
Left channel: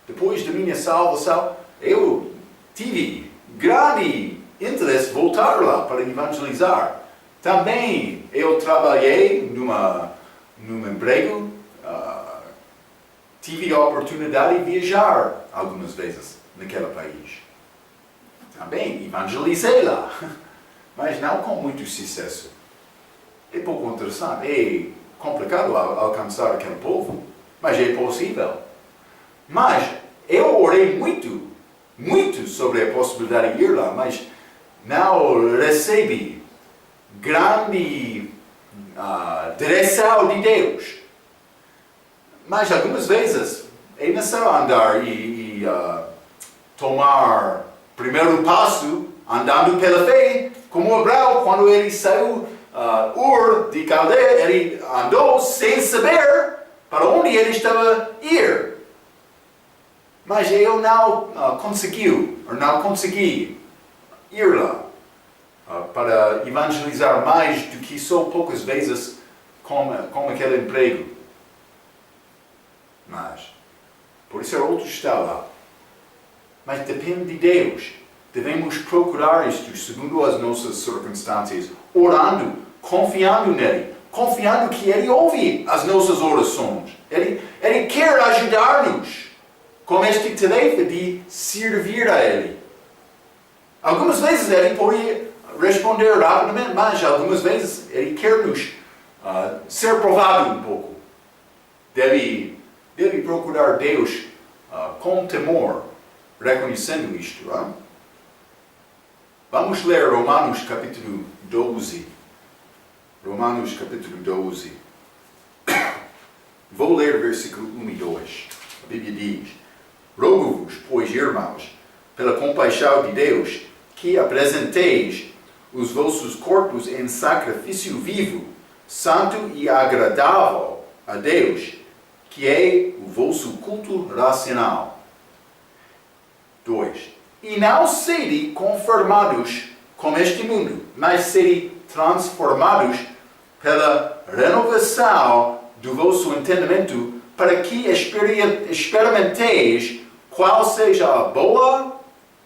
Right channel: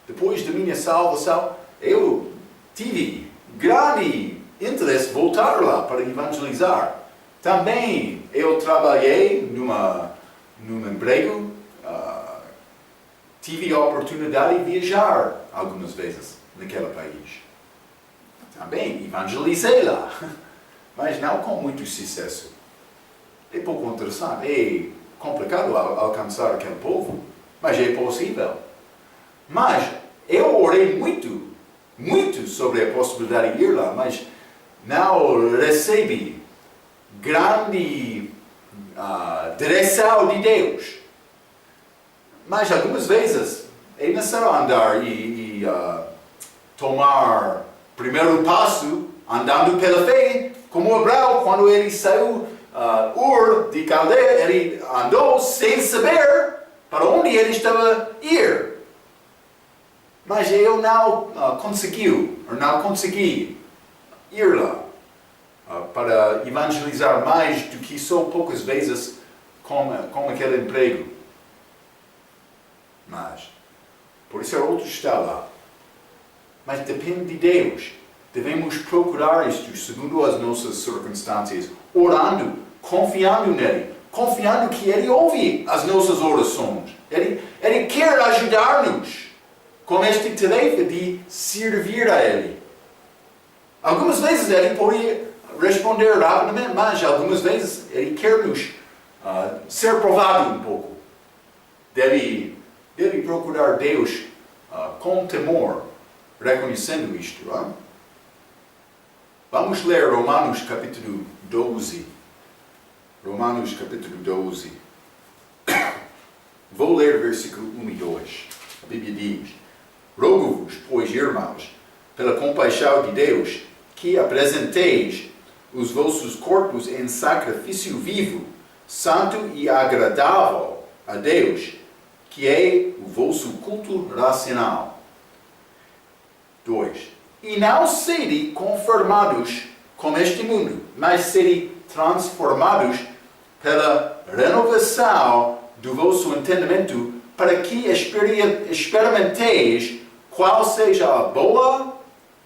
Depois da minha salvação, eu tive grande interesse em voltar lá para evangelizar. Também eu trabalhei num emprego, tive a oportunidade de viajar algumas vezes naquele país. Também evangelizei lá, mas não com muito sucesso. É pouco interessante, é complicado alcançar aquele povo, mas é possível. Mas eu orei muito sobre a possibilidade de ir lá, mas não recebi grande direção de Deus. Mas algumas vezes é necessário andar e tomar primeiro passo andando pela fé, como Abraão, quando ele saiu Ur de Caldeia, ele andou sem saber para onde ele estava a ir. Mas eu não consegui ir lá para evangelizar mais do que só poucas vezes com aquele emprego. Mas, por isso outro está lá. Mas depende de Deus. Devemos procurar isto segundo as nossas circunstâncias, orando, confiando nele, confiando que ele ouve as nossas orações. Ele quer ajudar-nos com este tarefa de servir a ele. Algumas vezes ele pode responder rapidamente, mas algumas vezes ele quer nos ser provado um pouco. Deve procurar Deus com temor, reconhecendo isto. Vamos ler Romanos capítulo 12. Romanos capítulo 12. Vou ler o versículo 1 e 2. A Bíblia diz: Rogo-vos, pois, irmãos, pela compaixão de Deus, que apresenteis os vossos corpos em sacrifício vivo, santo e agradável a Deus, que é o vosso culto racional. 2. E não sede conformados com este mundo, mas sede transformados pela renovação do vosso entendimento, para que experimenteis qual seja a boa,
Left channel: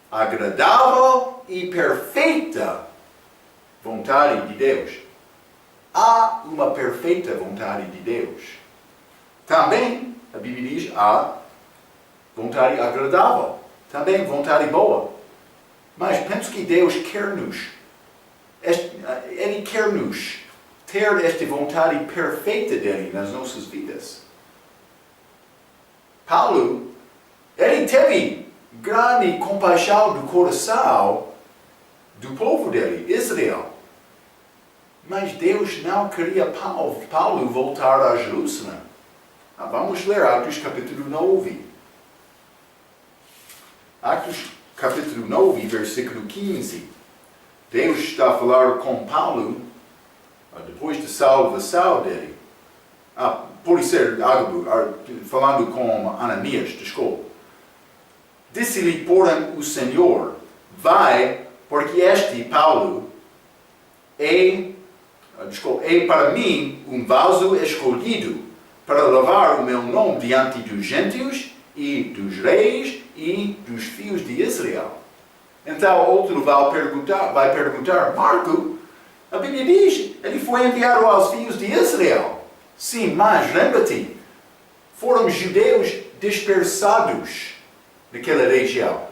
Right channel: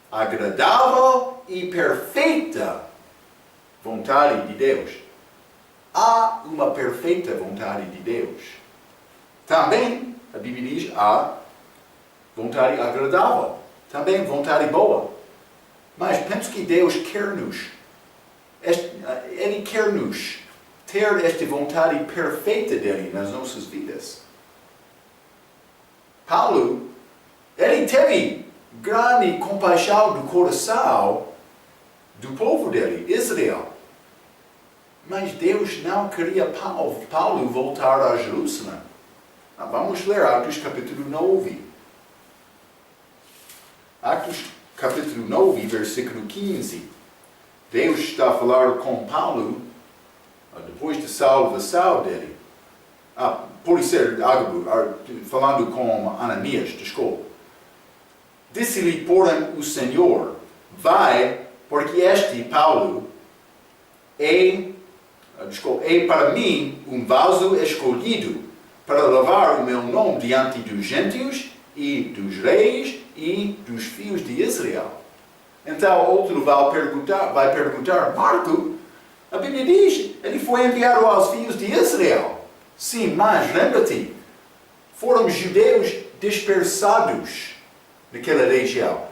agradável e perfeita vontade de Deus. Há uma perfeita vontade de Deus. Também, a Bíblia diz, há vontade agradável. Também vontade boa. Mas penso que Deus quer-nos. Ele quer-nos ter esta vontade perfeita dele nas nossas vidas. Paulo, ele teve grande compaixão do coração do povo dele, Israel. Mas Deus não queria Paulo voltar a Jerusalém. Vamos ler Atos capítulo 9. Atos capítulo 9, versículo 15. Deus está a falar com Paulo depois da salvação dele. Pode ser Agabo, falando com Ananias, desculpa. Disse-lhe, porém, o Senhor: vai, porque este Paulo é para mim um vaso escolhido para levar o meu nome diante dos gentios e dos reis e dos filhos de Israel. Então outro vai perguntar, Marco, a Bíblia diz, ele foi enviado aos filhos de Israel. Sim, mas lembra-te, foram judeus dispersados naquela região.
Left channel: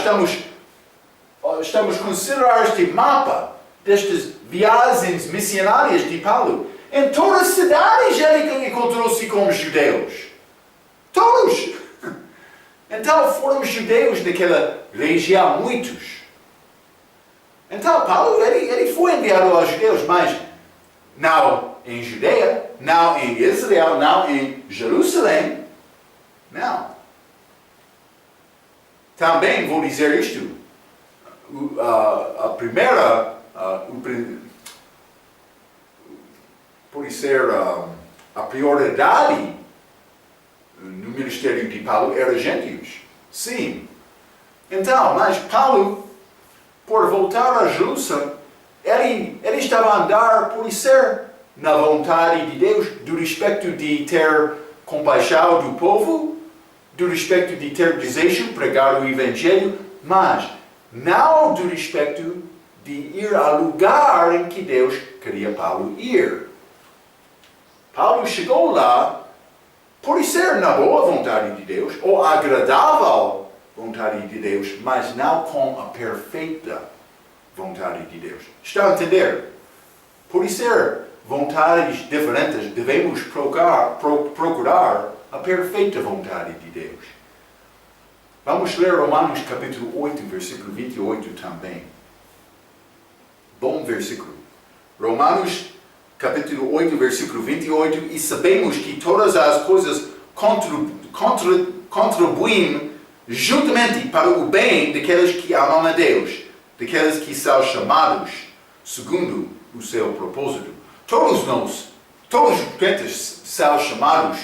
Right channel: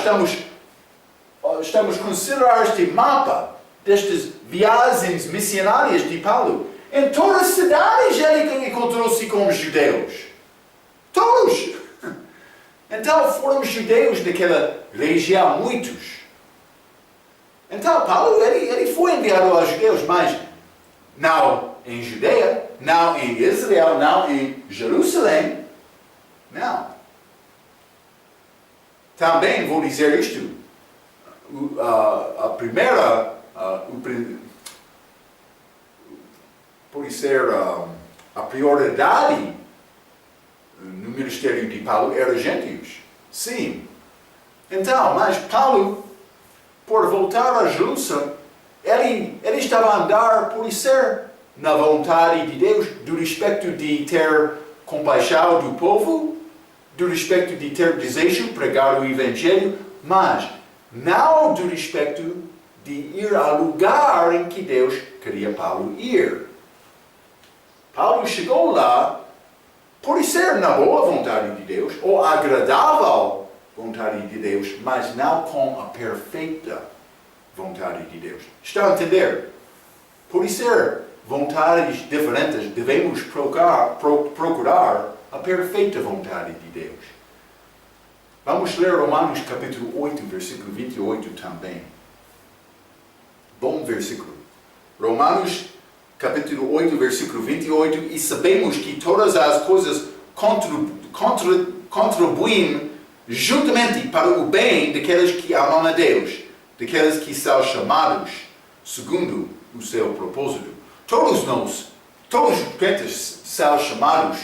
Estamos considerando este mapa destas viagens missionárias de Paulo. Em todas as cidades ele encontrou-se com os judeus. Todos! Então foram judeus naquela região, muitos. Então Paulo, ele foi enviado aos judeus, mas não em Judeia, não em Israel, não em Jerusalém. Não. Também vou dizer isto. Pode ser a prioridade no ministério de Paulo era gentios. Sim. Então, mas Paulo, por voltar a Jerusalém, ele estava a andar por ser na vontade de Deus, do respeito de ter compaixão do povo, do respeito de ter desejo pregar o Evangelho, mas não do respeito de ir ao lugar em que Deus queria Paulo ir. Paulo chegou lá por ser na boa vontade de Deus, ou agradável vontade de Deus, mas não com a perfeita vontade de Deus. Está a entender? Por ser vontades diferentes, devemos procurar a perfeita vontade de Deus. Vamos ler Romanos capítulo 8, versículo 28 também. Bom versículo. Romanos capítulo 8, versículo 28. E sabemos que todas as coisas contribuem juntamente para o bem daqueles que amam a Deus, daqueles que são chamados segundo o seu propósito. Todos os crentes são chamados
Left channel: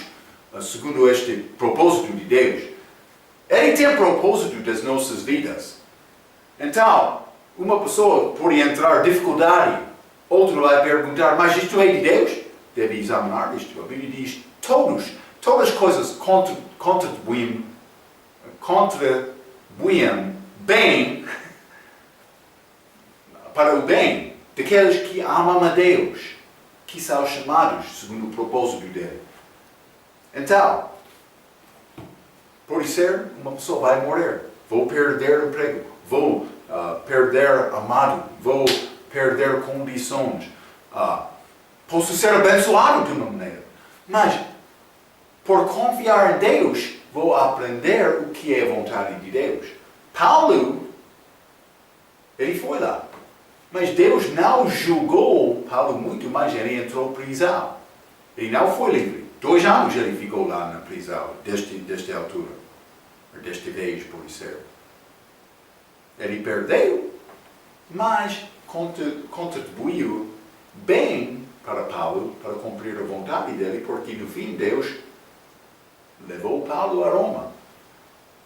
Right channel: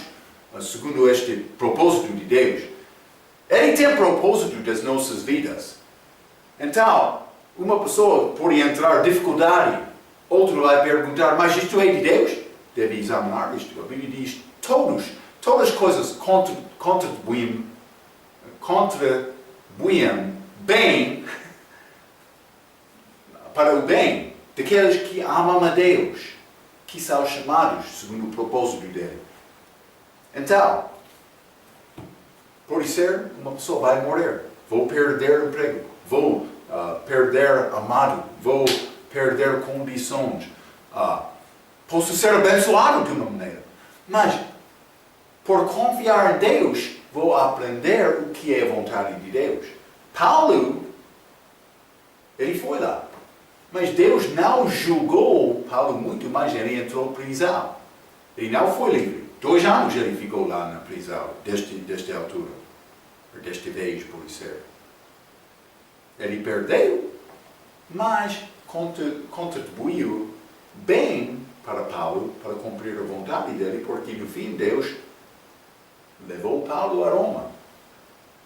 segundo este propósito de Deus. Ele tem propósito das nossas vidas. Então, uma pessoa pode entrar em dificuldade, outro vai perguntar, mas isto é de Deus? Deve examinar isto. A Bíblia diz, todas as coisas contribuem bem para o bem daqueles que amam a Deus, que são chamados segundo o propósito dele. Então, pode ser uma pessoa vai morrer, vou perder o emprego, vou perder amado, vou perder condições. Posso ser abençoado de uma maneira, mas por confiar em Deus, vou aprender o que é a vontade de Deus. Paulo, ele foi lá, mas Deus não julgou Paulo muito, mas ele entrou em prisão. Ele não foi livre. 2 anos ele ficou lá na prisão, desta altura, ou desta vez, por ser. Ele perdeu, mas contribuiu bem para Paulo, para cumprir a vontade dele, porque no fim Deus levou Paulo a Roma.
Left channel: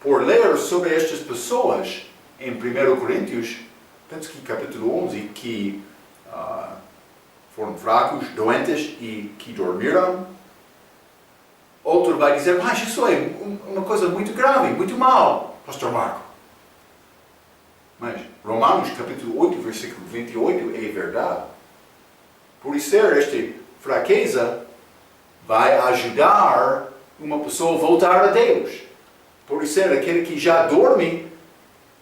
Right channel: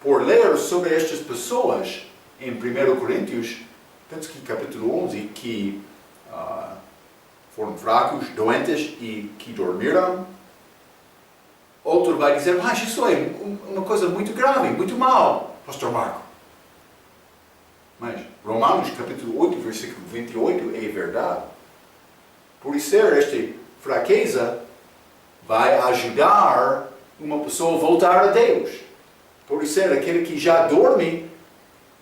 Por ler sobre estas pessoas em 1 Coríntios, penso que capítulo 11, que foram fracos, doentes e que dormiram, outro vai dizer, mas isso é uma coisa muito grave, muito mal, Pastor Marco. Mas Romanos capítulo 8, versículo 28 é verdade. Por isso, esta fraqueza vai ajudar uma pessoa a voltar a Deus. Por isso, aquele que já dorme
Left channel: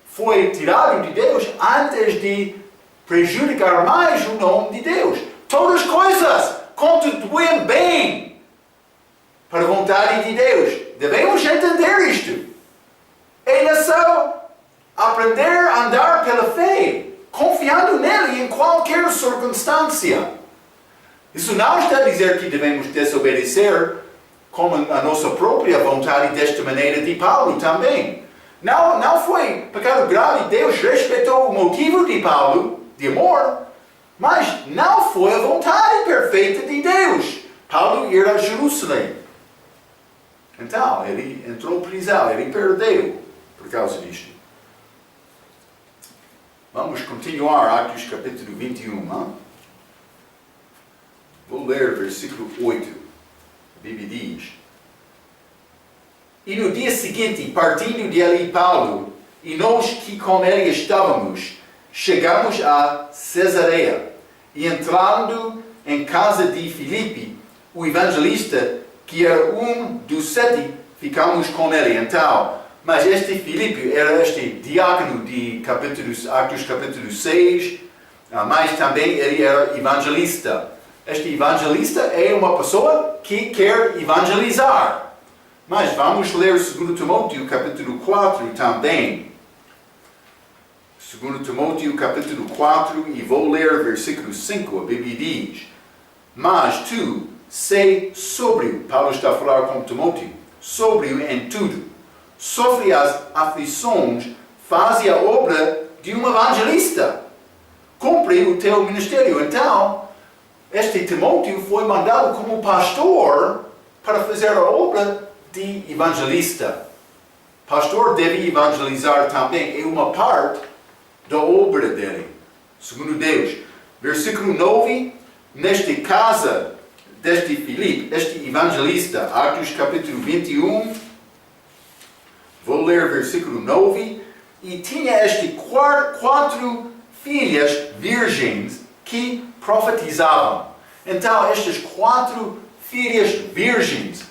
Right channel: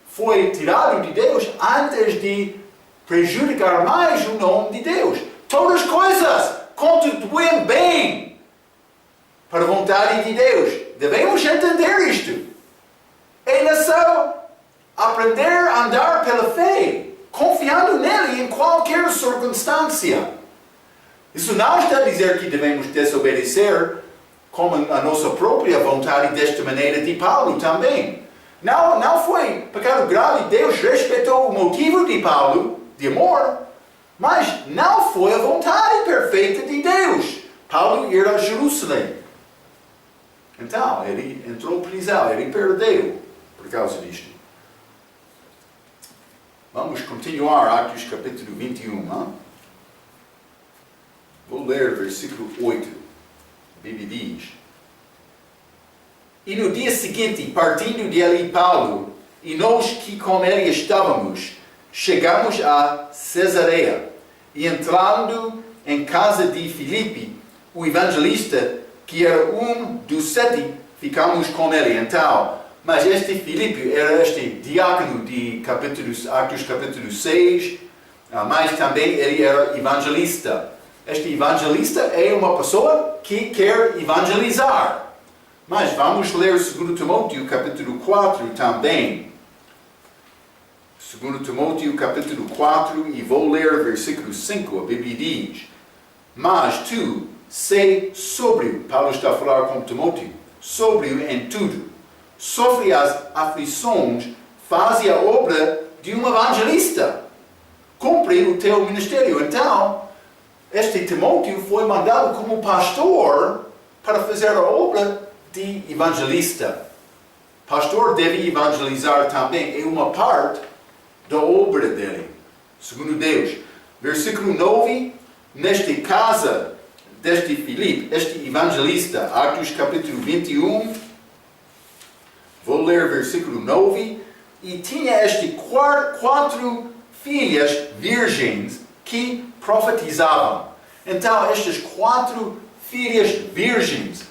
foi tirado de Deus antes de prejudicar mais o nome de Deus. Todas as coisas contribuem bem para a vontade de Deus. Devemos entender isto. É só aprender a andar pela fé, confiando nele em qualquer circunstância. Isso não está a dizer que devemos desobedecer como a nossa própria vontade desta maneira de Paulo também. Não foi pecado grave. Deus respeitou o motivo de Paulo, de amor, mas não foi a vontade perfeita de Deus. Paulo ir a Jerusalém. Então, ele entrou em prisão, ele perdeu por causa disto. Vamos continuar, Atos capítulo 21. Vou ler versículo 8. A Bíblia diz: E no dia seguinte, partindo de ali Paulo, e nós que com ele estávamos, chegamos a Cesareia, e entrando em casa de Filipe, o evangelista, que era um dos 7, ficamos com ele. Então, mas este Filipe era este diácono de Atos capítulo 6, mas também ele era evangelista. Este evangelista é uma pessoa que quer evangelizar. Mas vamos ler 2 Timóteo capítulo 4 também. 2 Timóteo capítulo 4 e vou ler versículo 5. A Bíblia diz: Mas tu, sei sóbrio, Paulo está a falar com Timóteo, sóbrio em tudo. Sofre as aflições, faz a obra de um evangelista. Cumpre o teu ministério. Então, este Timóteo foi mandado como pastor para fazer a obra de evangelista. Pastor deve evangelizar também. É uma parte da obra dele, segundo Deus. Versículo 9. Nesta casa deste Filipe, este evangelista, Atos capítulo 21, vou ler versículo 9. E tinha este 4 filhas virgens que profetizavam. Então, estas 4 filhas virgens,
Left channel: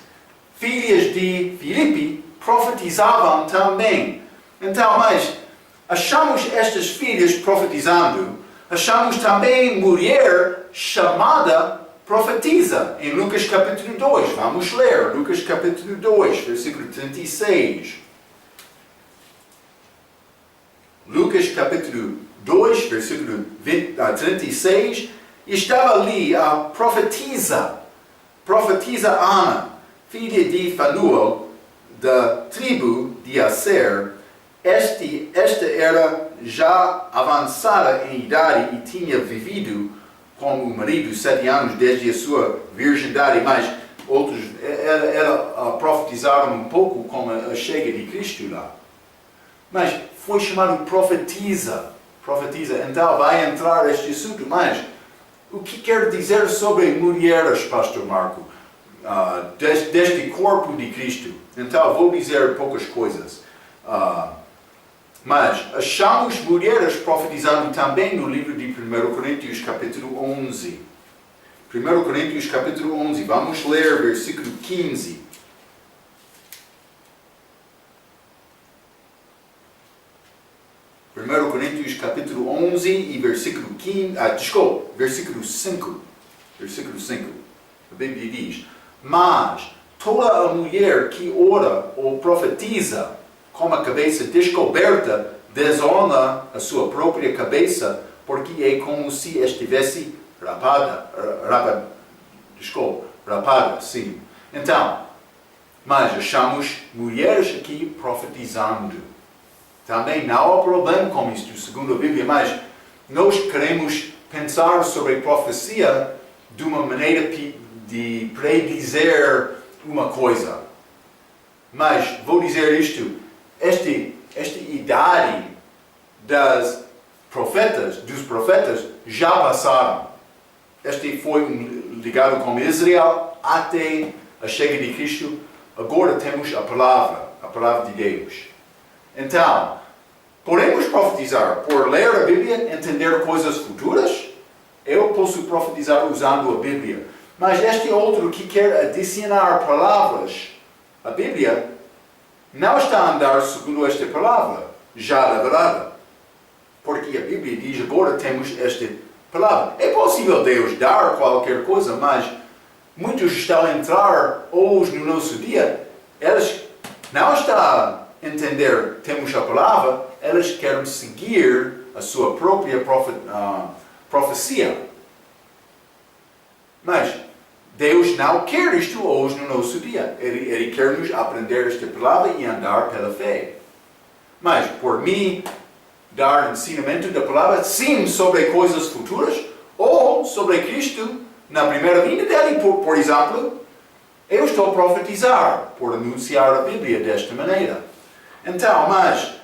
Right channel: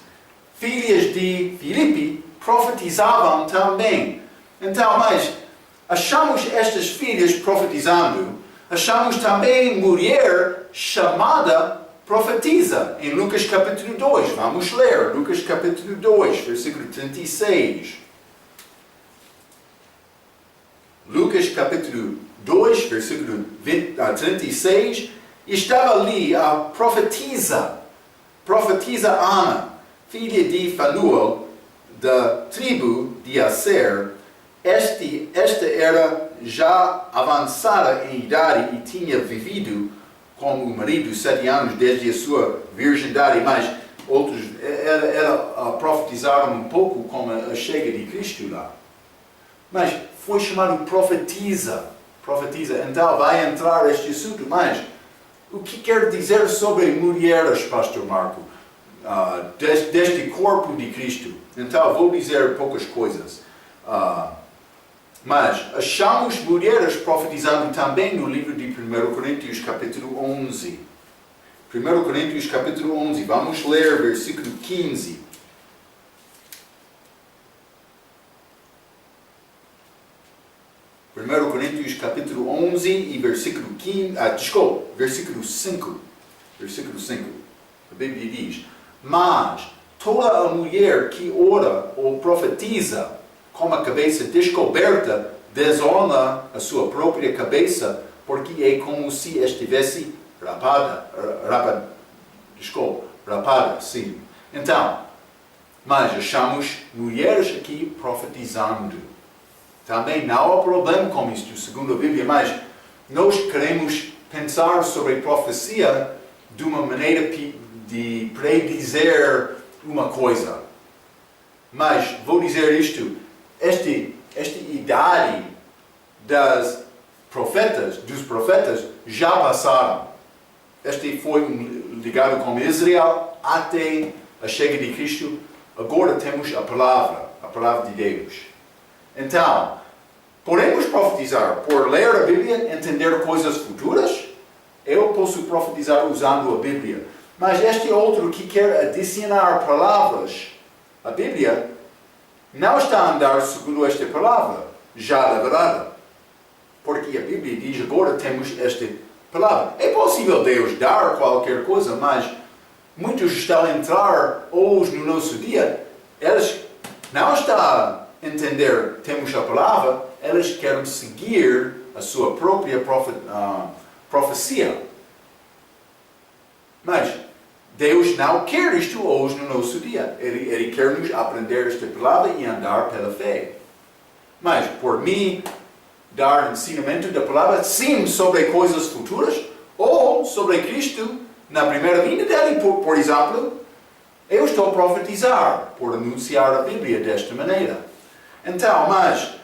filhas de Filipe, profetizavam também. Então, mas achamos estas filhas profetizando, achamos também mulher chamada profetiza, em Lucas capítulo 2. Vamos ler, Lucas capítulo 2, versículo 36. Lucas capítulo 2, versículo 36, estava ali a profetisa Ana, filha de Fanuel, da tribo de Aser. Esta era já avançada em idade e tinha vivido com o marido 7 anos desde a sua virgindade, mas outros ela profetizaram um pouco com a chegada de Cristo lá. Mas foi chamado profetiza. Então vai entrar este assunto. Mas o que quer dizer sobre mulheres, Pastor Marco? Deste corpo de Cristo. Então vou dizer poucas coisas. Mas achamos mulheres profetizando também no livro de 1 Coríntios capítulo 11. 1 Coríntios capítulo 11. Vamos ler versículo 15. 1 Coríntios capítulo 11 e versículo 15, versículo 5. Versículo 5. A Bíblia diz: Mas toda a mulher que ora ou profetiza com a cabeça descoberta desonra a sua própria cabeça, porque é como se estivesse rapada, sim. Então, mas achamos mulheres aqui profetizando. Também não há problema com isto, segundo a Bíblia, mas nós queremos pensar sobre a profecia de uma maneira de predizer uma coisa. Mas vou dizer isto, esta idade dos profetas, já passaram. Este foi ligado com Israel até a chegada de Cristo. Agora temos a palavra de Deus. Então, podemos profetizar por ler a Bíblia, entender coisas futuras. Eu posso profetizar usando a Bíblia. Mas este outro que quer adicionar palavras à Bíblia, não está a andar segundo esta palavra, já revelada. Porque a Bíblia diz, agora temos esta palavra. É possível Deus dar qualquer coisa, mas muitos estão a entrar hoje no nosso dia, eles não estão a entender, temos a palavra, eles querem seguir a sua própria profecia. Mas Deus não quer isto hoje no nosso dia. Ele quer nos aprender esta palavra e andar pela fé. Mas, por mim, dar ensinamento da palavra, sim, sobre coisas futuras, ou sobre Cristo, na primeira vinda dele, por exemplo, eu estou a profetizar, por anunciar a Bíblia desta maneira. Então, mas,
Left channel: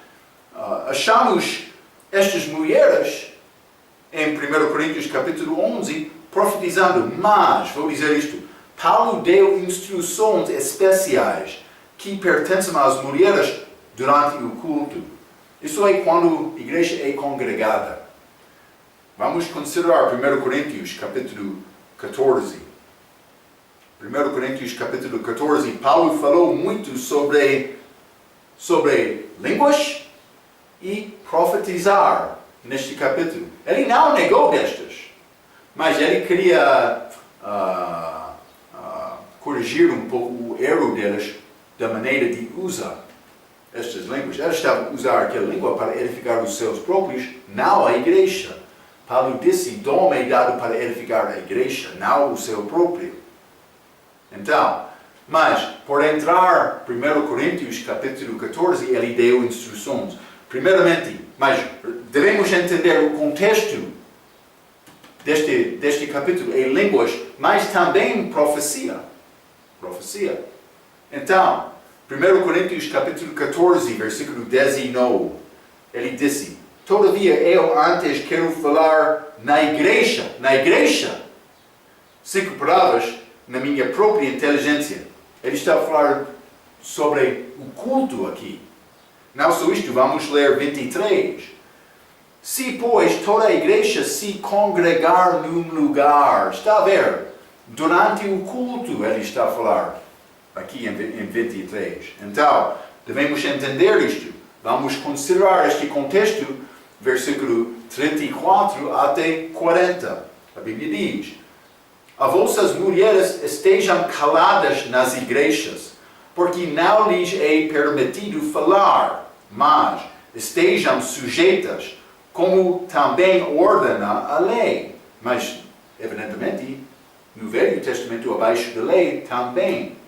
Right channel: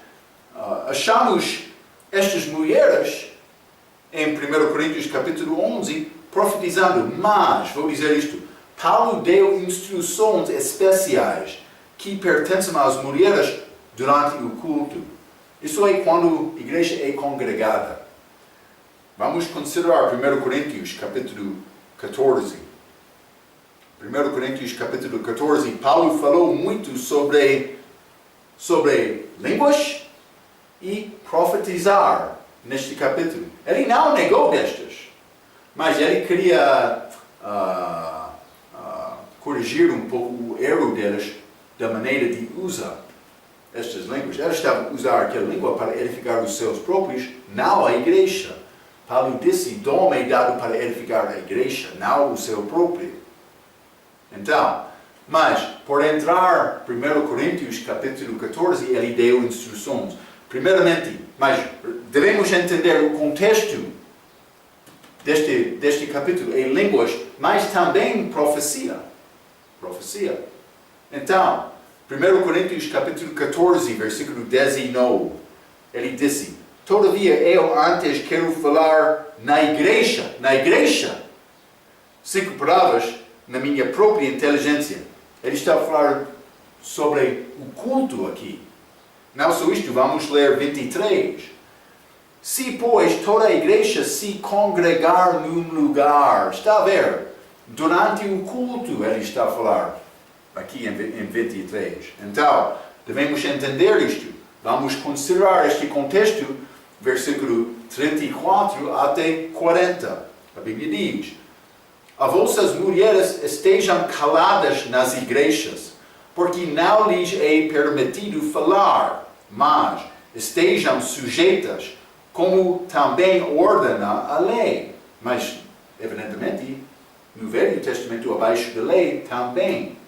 achamos estas mulheres, em 1 Coríntios capítulo 11, profetizando, mas, vou dizer isto, Paulo deu instruções especiais que pertencem às mulheres durante o culto. Isso é quando a igreja é congregada. Vamos considerar 1 Coríntios capítulo 14. 1 Coríntios capítulo 14, Paulo falou muito sobre línguas e profetizar neste capítulo. Ele não negou destas, mas ele queria corrigir um pouco o erro deles da maneira de usar estas línguas. Eles estavam a usar aquela língua para edificar os seus próprios, não a igreja. Paulo disse, dom é dado para edificar a igreja, não o seu próprio. Então, mas, por entrar 1 Coríntios capítulo 14, ele deu instruções. Primeiramente, mas devemos entender o contexto deste capítulo em línguas, mas também profecia. Então, 1 Coríntios capítulo 14, versículo 19, ele disse, todavia eu antes quero falar na igreja, 5 palavras, na minha própria inteligência. Ele está a falar sobre o culto aqui. Não só isto, vamos ler 23. Se, pois, toda a igreja se congregar num lugar, está a ver? Durante o culto, ele está a falar, aqui em 23. Então, devemos entender isto. Vamos considerar este contexto, versículo 34 até 40. A Bíblia diz, a vossas mulheres estejam caladas nas igrejas, porque não lhes é permitido falar, mas estejam sujeitas, como também ordena a lei. Mas, evidentemente, no Velho Testamento, abaixo da lei, também.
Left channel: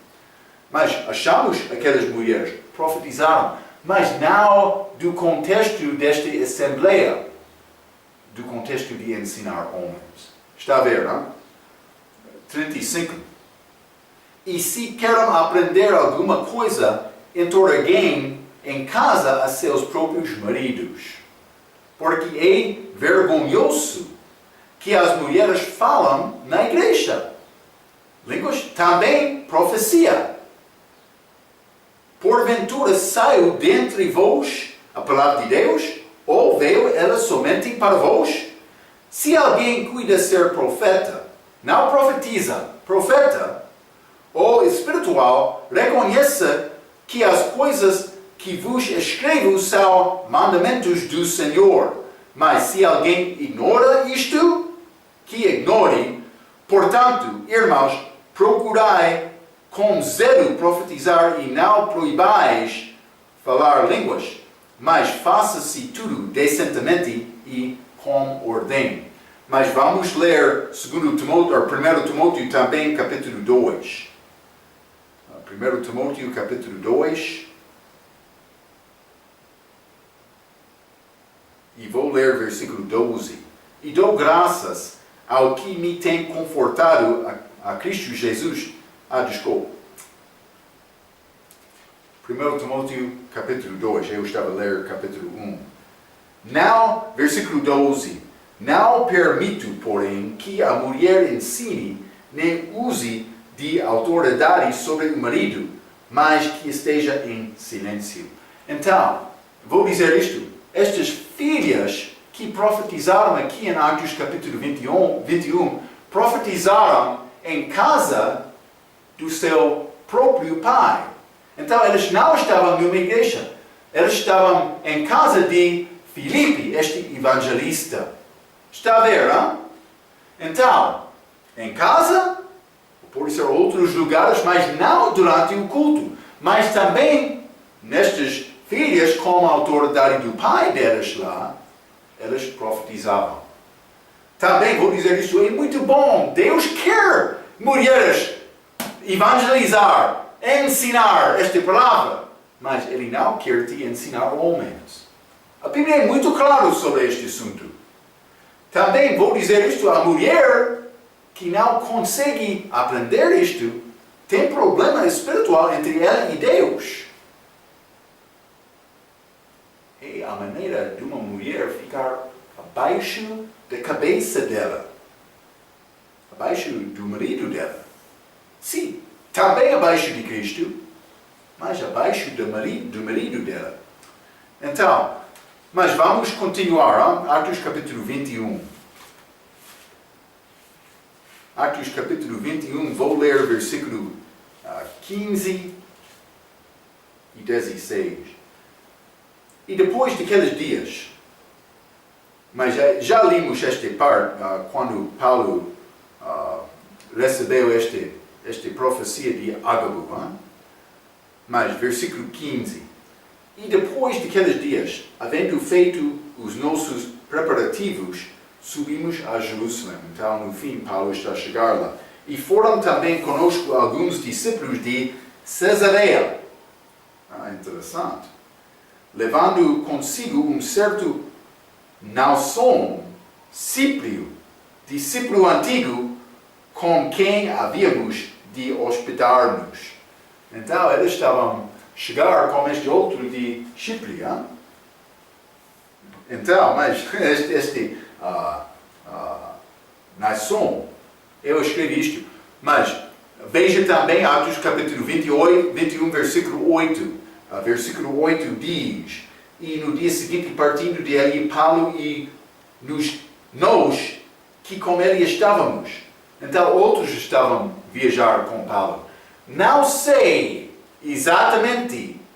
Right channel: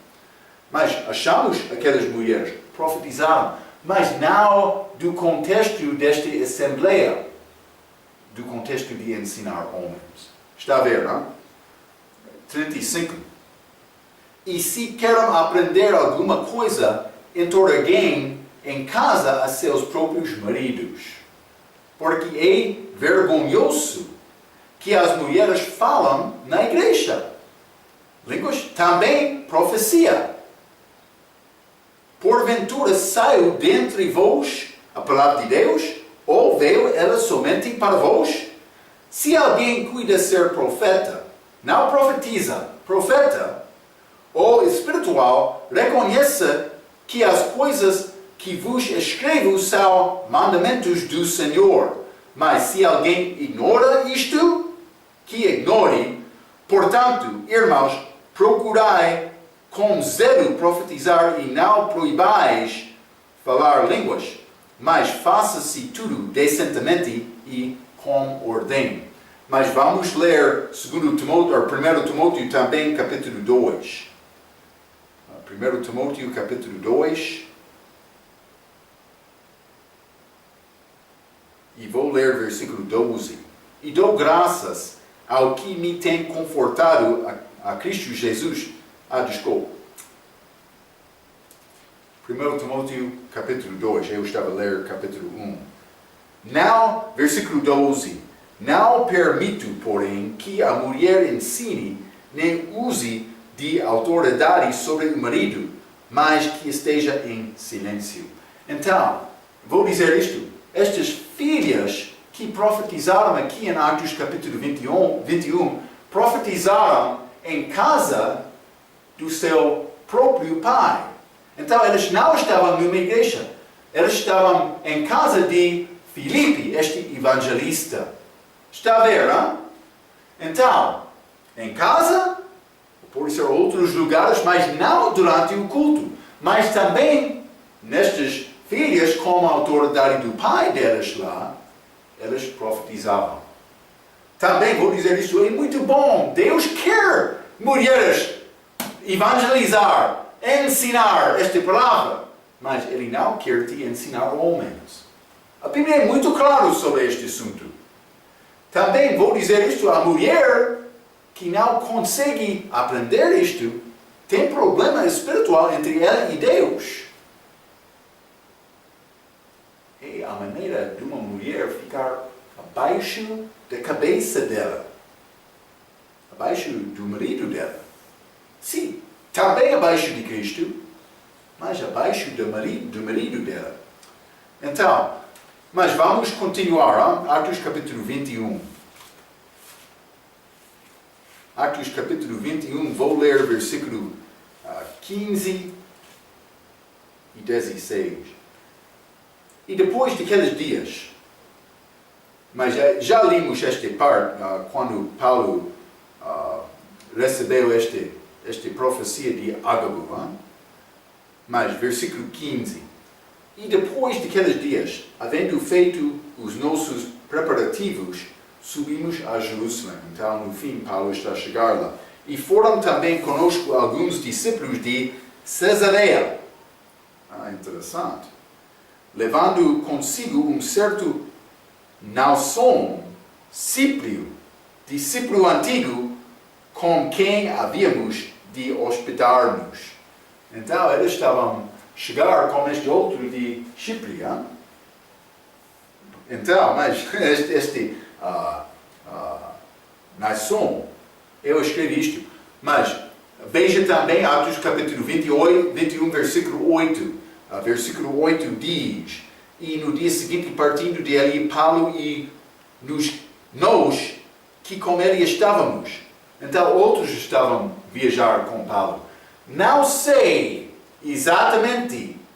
Mas achamos aquelas mulheres profetizaram, mas não do contexto desta assembleia, do contexto de ensinar homens. Está a ver, não? 35. E se querem aprender alguma coisa, entreguem em casa a seus próprios maridos. Porque é vergonhoso que as mulheres falam na igreja. Línguas, também profecia. Porventura saiu dentre vós a palavra de Deus, ou veio ela somente para vós? Se alguém cuida ser profeta, não profetiza, profeta, ou espiritual, reconheça que as coisas que vos escrevo são mandamentos do Senhor. Mas se alguém ignora isto, que ignore. Portanto, irmãos, procurai com zelo profetizar e não proibais falar línguas, mas faça-se tudo decentemente e com ordem. Mas vamos ler 1 Timóteo também, capítulo 2. 1 Timóteo capítulo 2. E vou ler versículo 12. E dou graças ao que me tem confortado a Cristo Jesus. Desculpa. 1 Timóteo capítulo 2. Eu estava a ler capítulo 1. Não, versículo 12. Não permito, porém, que a mulher ensine, nem use de autoridade sobre o marido, mas que esteja em silêncio. Então, vou dizer isto. Estas filhas que profetizaram aqui em Atos capítulo 21, profetizaram em casa do seu próprio pai. Então, elas não estavam numa igreja. Elas estavam em casa de Filipe, este evangelista. Está a ver, não? Então, em casa, ou pode ser outros lugares, mas não durante o culto. Mas também, nestas filhas, com a autoridade do pai delas lá, elas profetizavam. Também vou dizer isto, é muito bom. Deus quer mulheres evangelizar, ensinar esta palavra, mas Ele não quer te ensinar homens. A Bíblia é muito clara sobre este assunto. Também vou dizer isto, a mulher que não consegue aprender isto, tem problema espiritual entre ela e Deus. É a maneira de uma mulher ficar abaixo da cabeça dela. Abaixo do marido dela. Sim, também abaixo de Cristo, mas abaixo do marido dela. Então, mas vamos continuar. Atos capítulo 21. Atos capítulo 21, vou ler versículo 15 e 16. E depois daqueles dias, mas já limos esta parte, quando Paulo recebeu esta profecia de Ágabo, mas versículo 15. E depois daqueles dias, havendo feito os nossos preparativos, subimos a Jerusalém. Então, no fim, Paulo está a chegar lá. E foram também conosco alguns discípulos de Cesareia. Interessante. Levando consigo um certo Naasson, Cíprio, discípulo antigo, com quem havíamos de hospedar-nos. Então, eles estavam a chegar com este outro de Chipre. Então, mas este Naasson, eu escrevi isto, mas veja também Atos capítulo 21, versículo 8. Versículo 8 diz: E no dia seguinte, partindo de ali, Paulo e nós que com ele estávamos. Então, outros estavam a viajar com Paulo. Não sei exatamente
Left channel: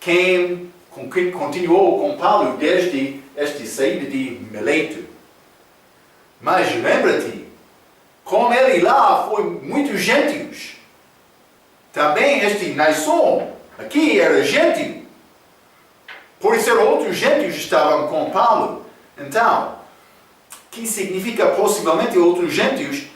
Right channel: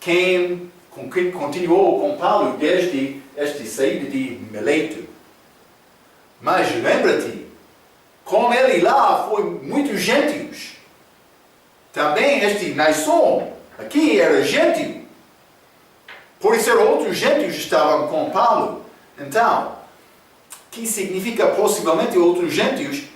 quem continuou com Paulo desde esta saída de Mileto. Mas lembra-te, com ele lá foi muitos gentios. Também este Naasson aqui era gentio. Por ser outros gentios estavam com Paulo. Então, que significa possivelmente outros gentios,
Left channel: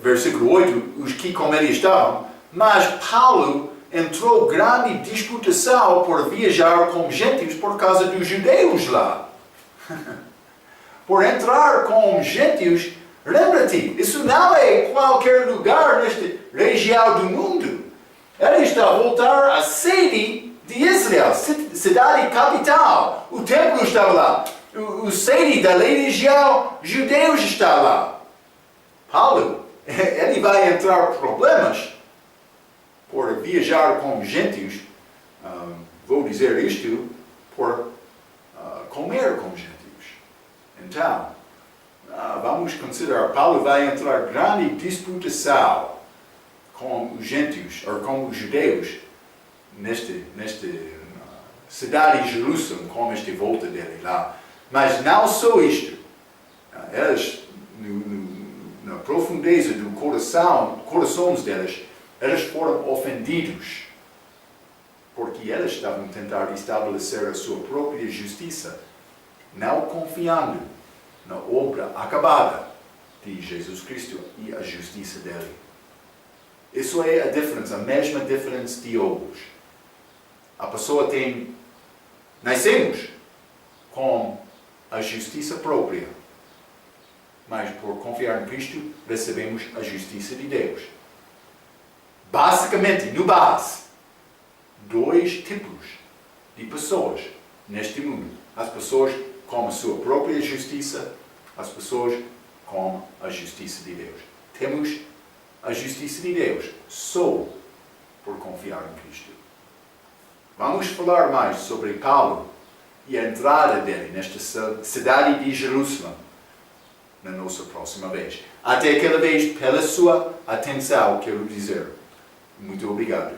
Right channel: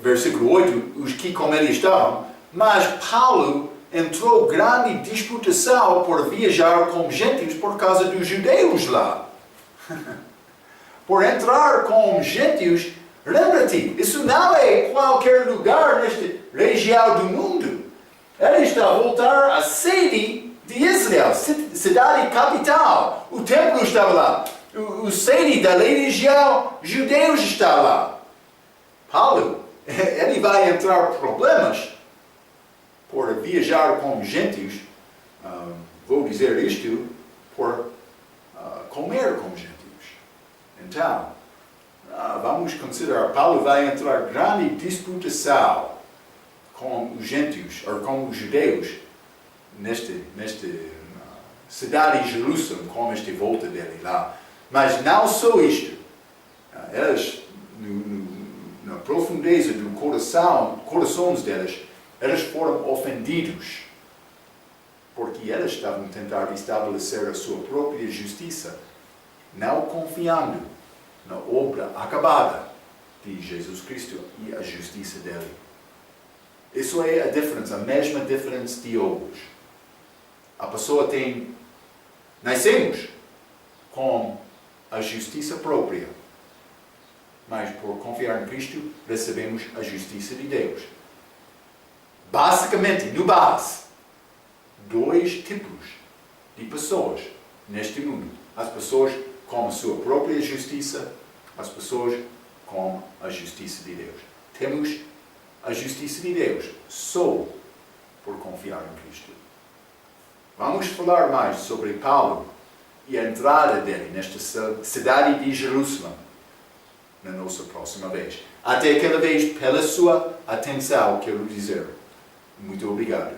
versículo 8, os que com ele estavam, mas Paulo entrou grande disputação por viajar com gentios por causa dos judeus lá. Por entrar com gentios, lembra-te, isso não é qualquer lugar nesta região do mundo. Ele está a voltar à sede de Israel, cidade capital. O templo estava lá. O sede da religião judeus está lá. Paulo, ele vai entrar em problemas por viajar com gentios. Vou dizer isto, por comer com gentios. Então, vamos considerar, Paulo vai entrar em grande disputação com os gentios, ou com os judeus, nesta cidade de Jerusalém, com esta volta dele lá. Mas não só isto. Eles, na profundeza do corações deles, eles foram ofendidos, porque eles estavam a tentar estabelecer a sua própria justiça, não confiando na obra acabada de Jesus Cristo e a justiça dele. Isso é a diferença, a mesma diferença de hoje. A pessoa tem... Nascemos com a justiça própria, mas por confiar em Cristo recebemos a justiça de Deus. Basicamente, no base, dois tipos de pessoas neste mundo. As pessoas com a sua própria justiça, as pessoas com a justiça de Deus. Temos a justiça de Deus só por confiar em Cristo. Vamos falar mais sobre Paulo e a entrada dele nesta cidade de Jerusalém na nossa próxima vez. Até aquela vez, pela sua atenção, quero dizer muito obrigado.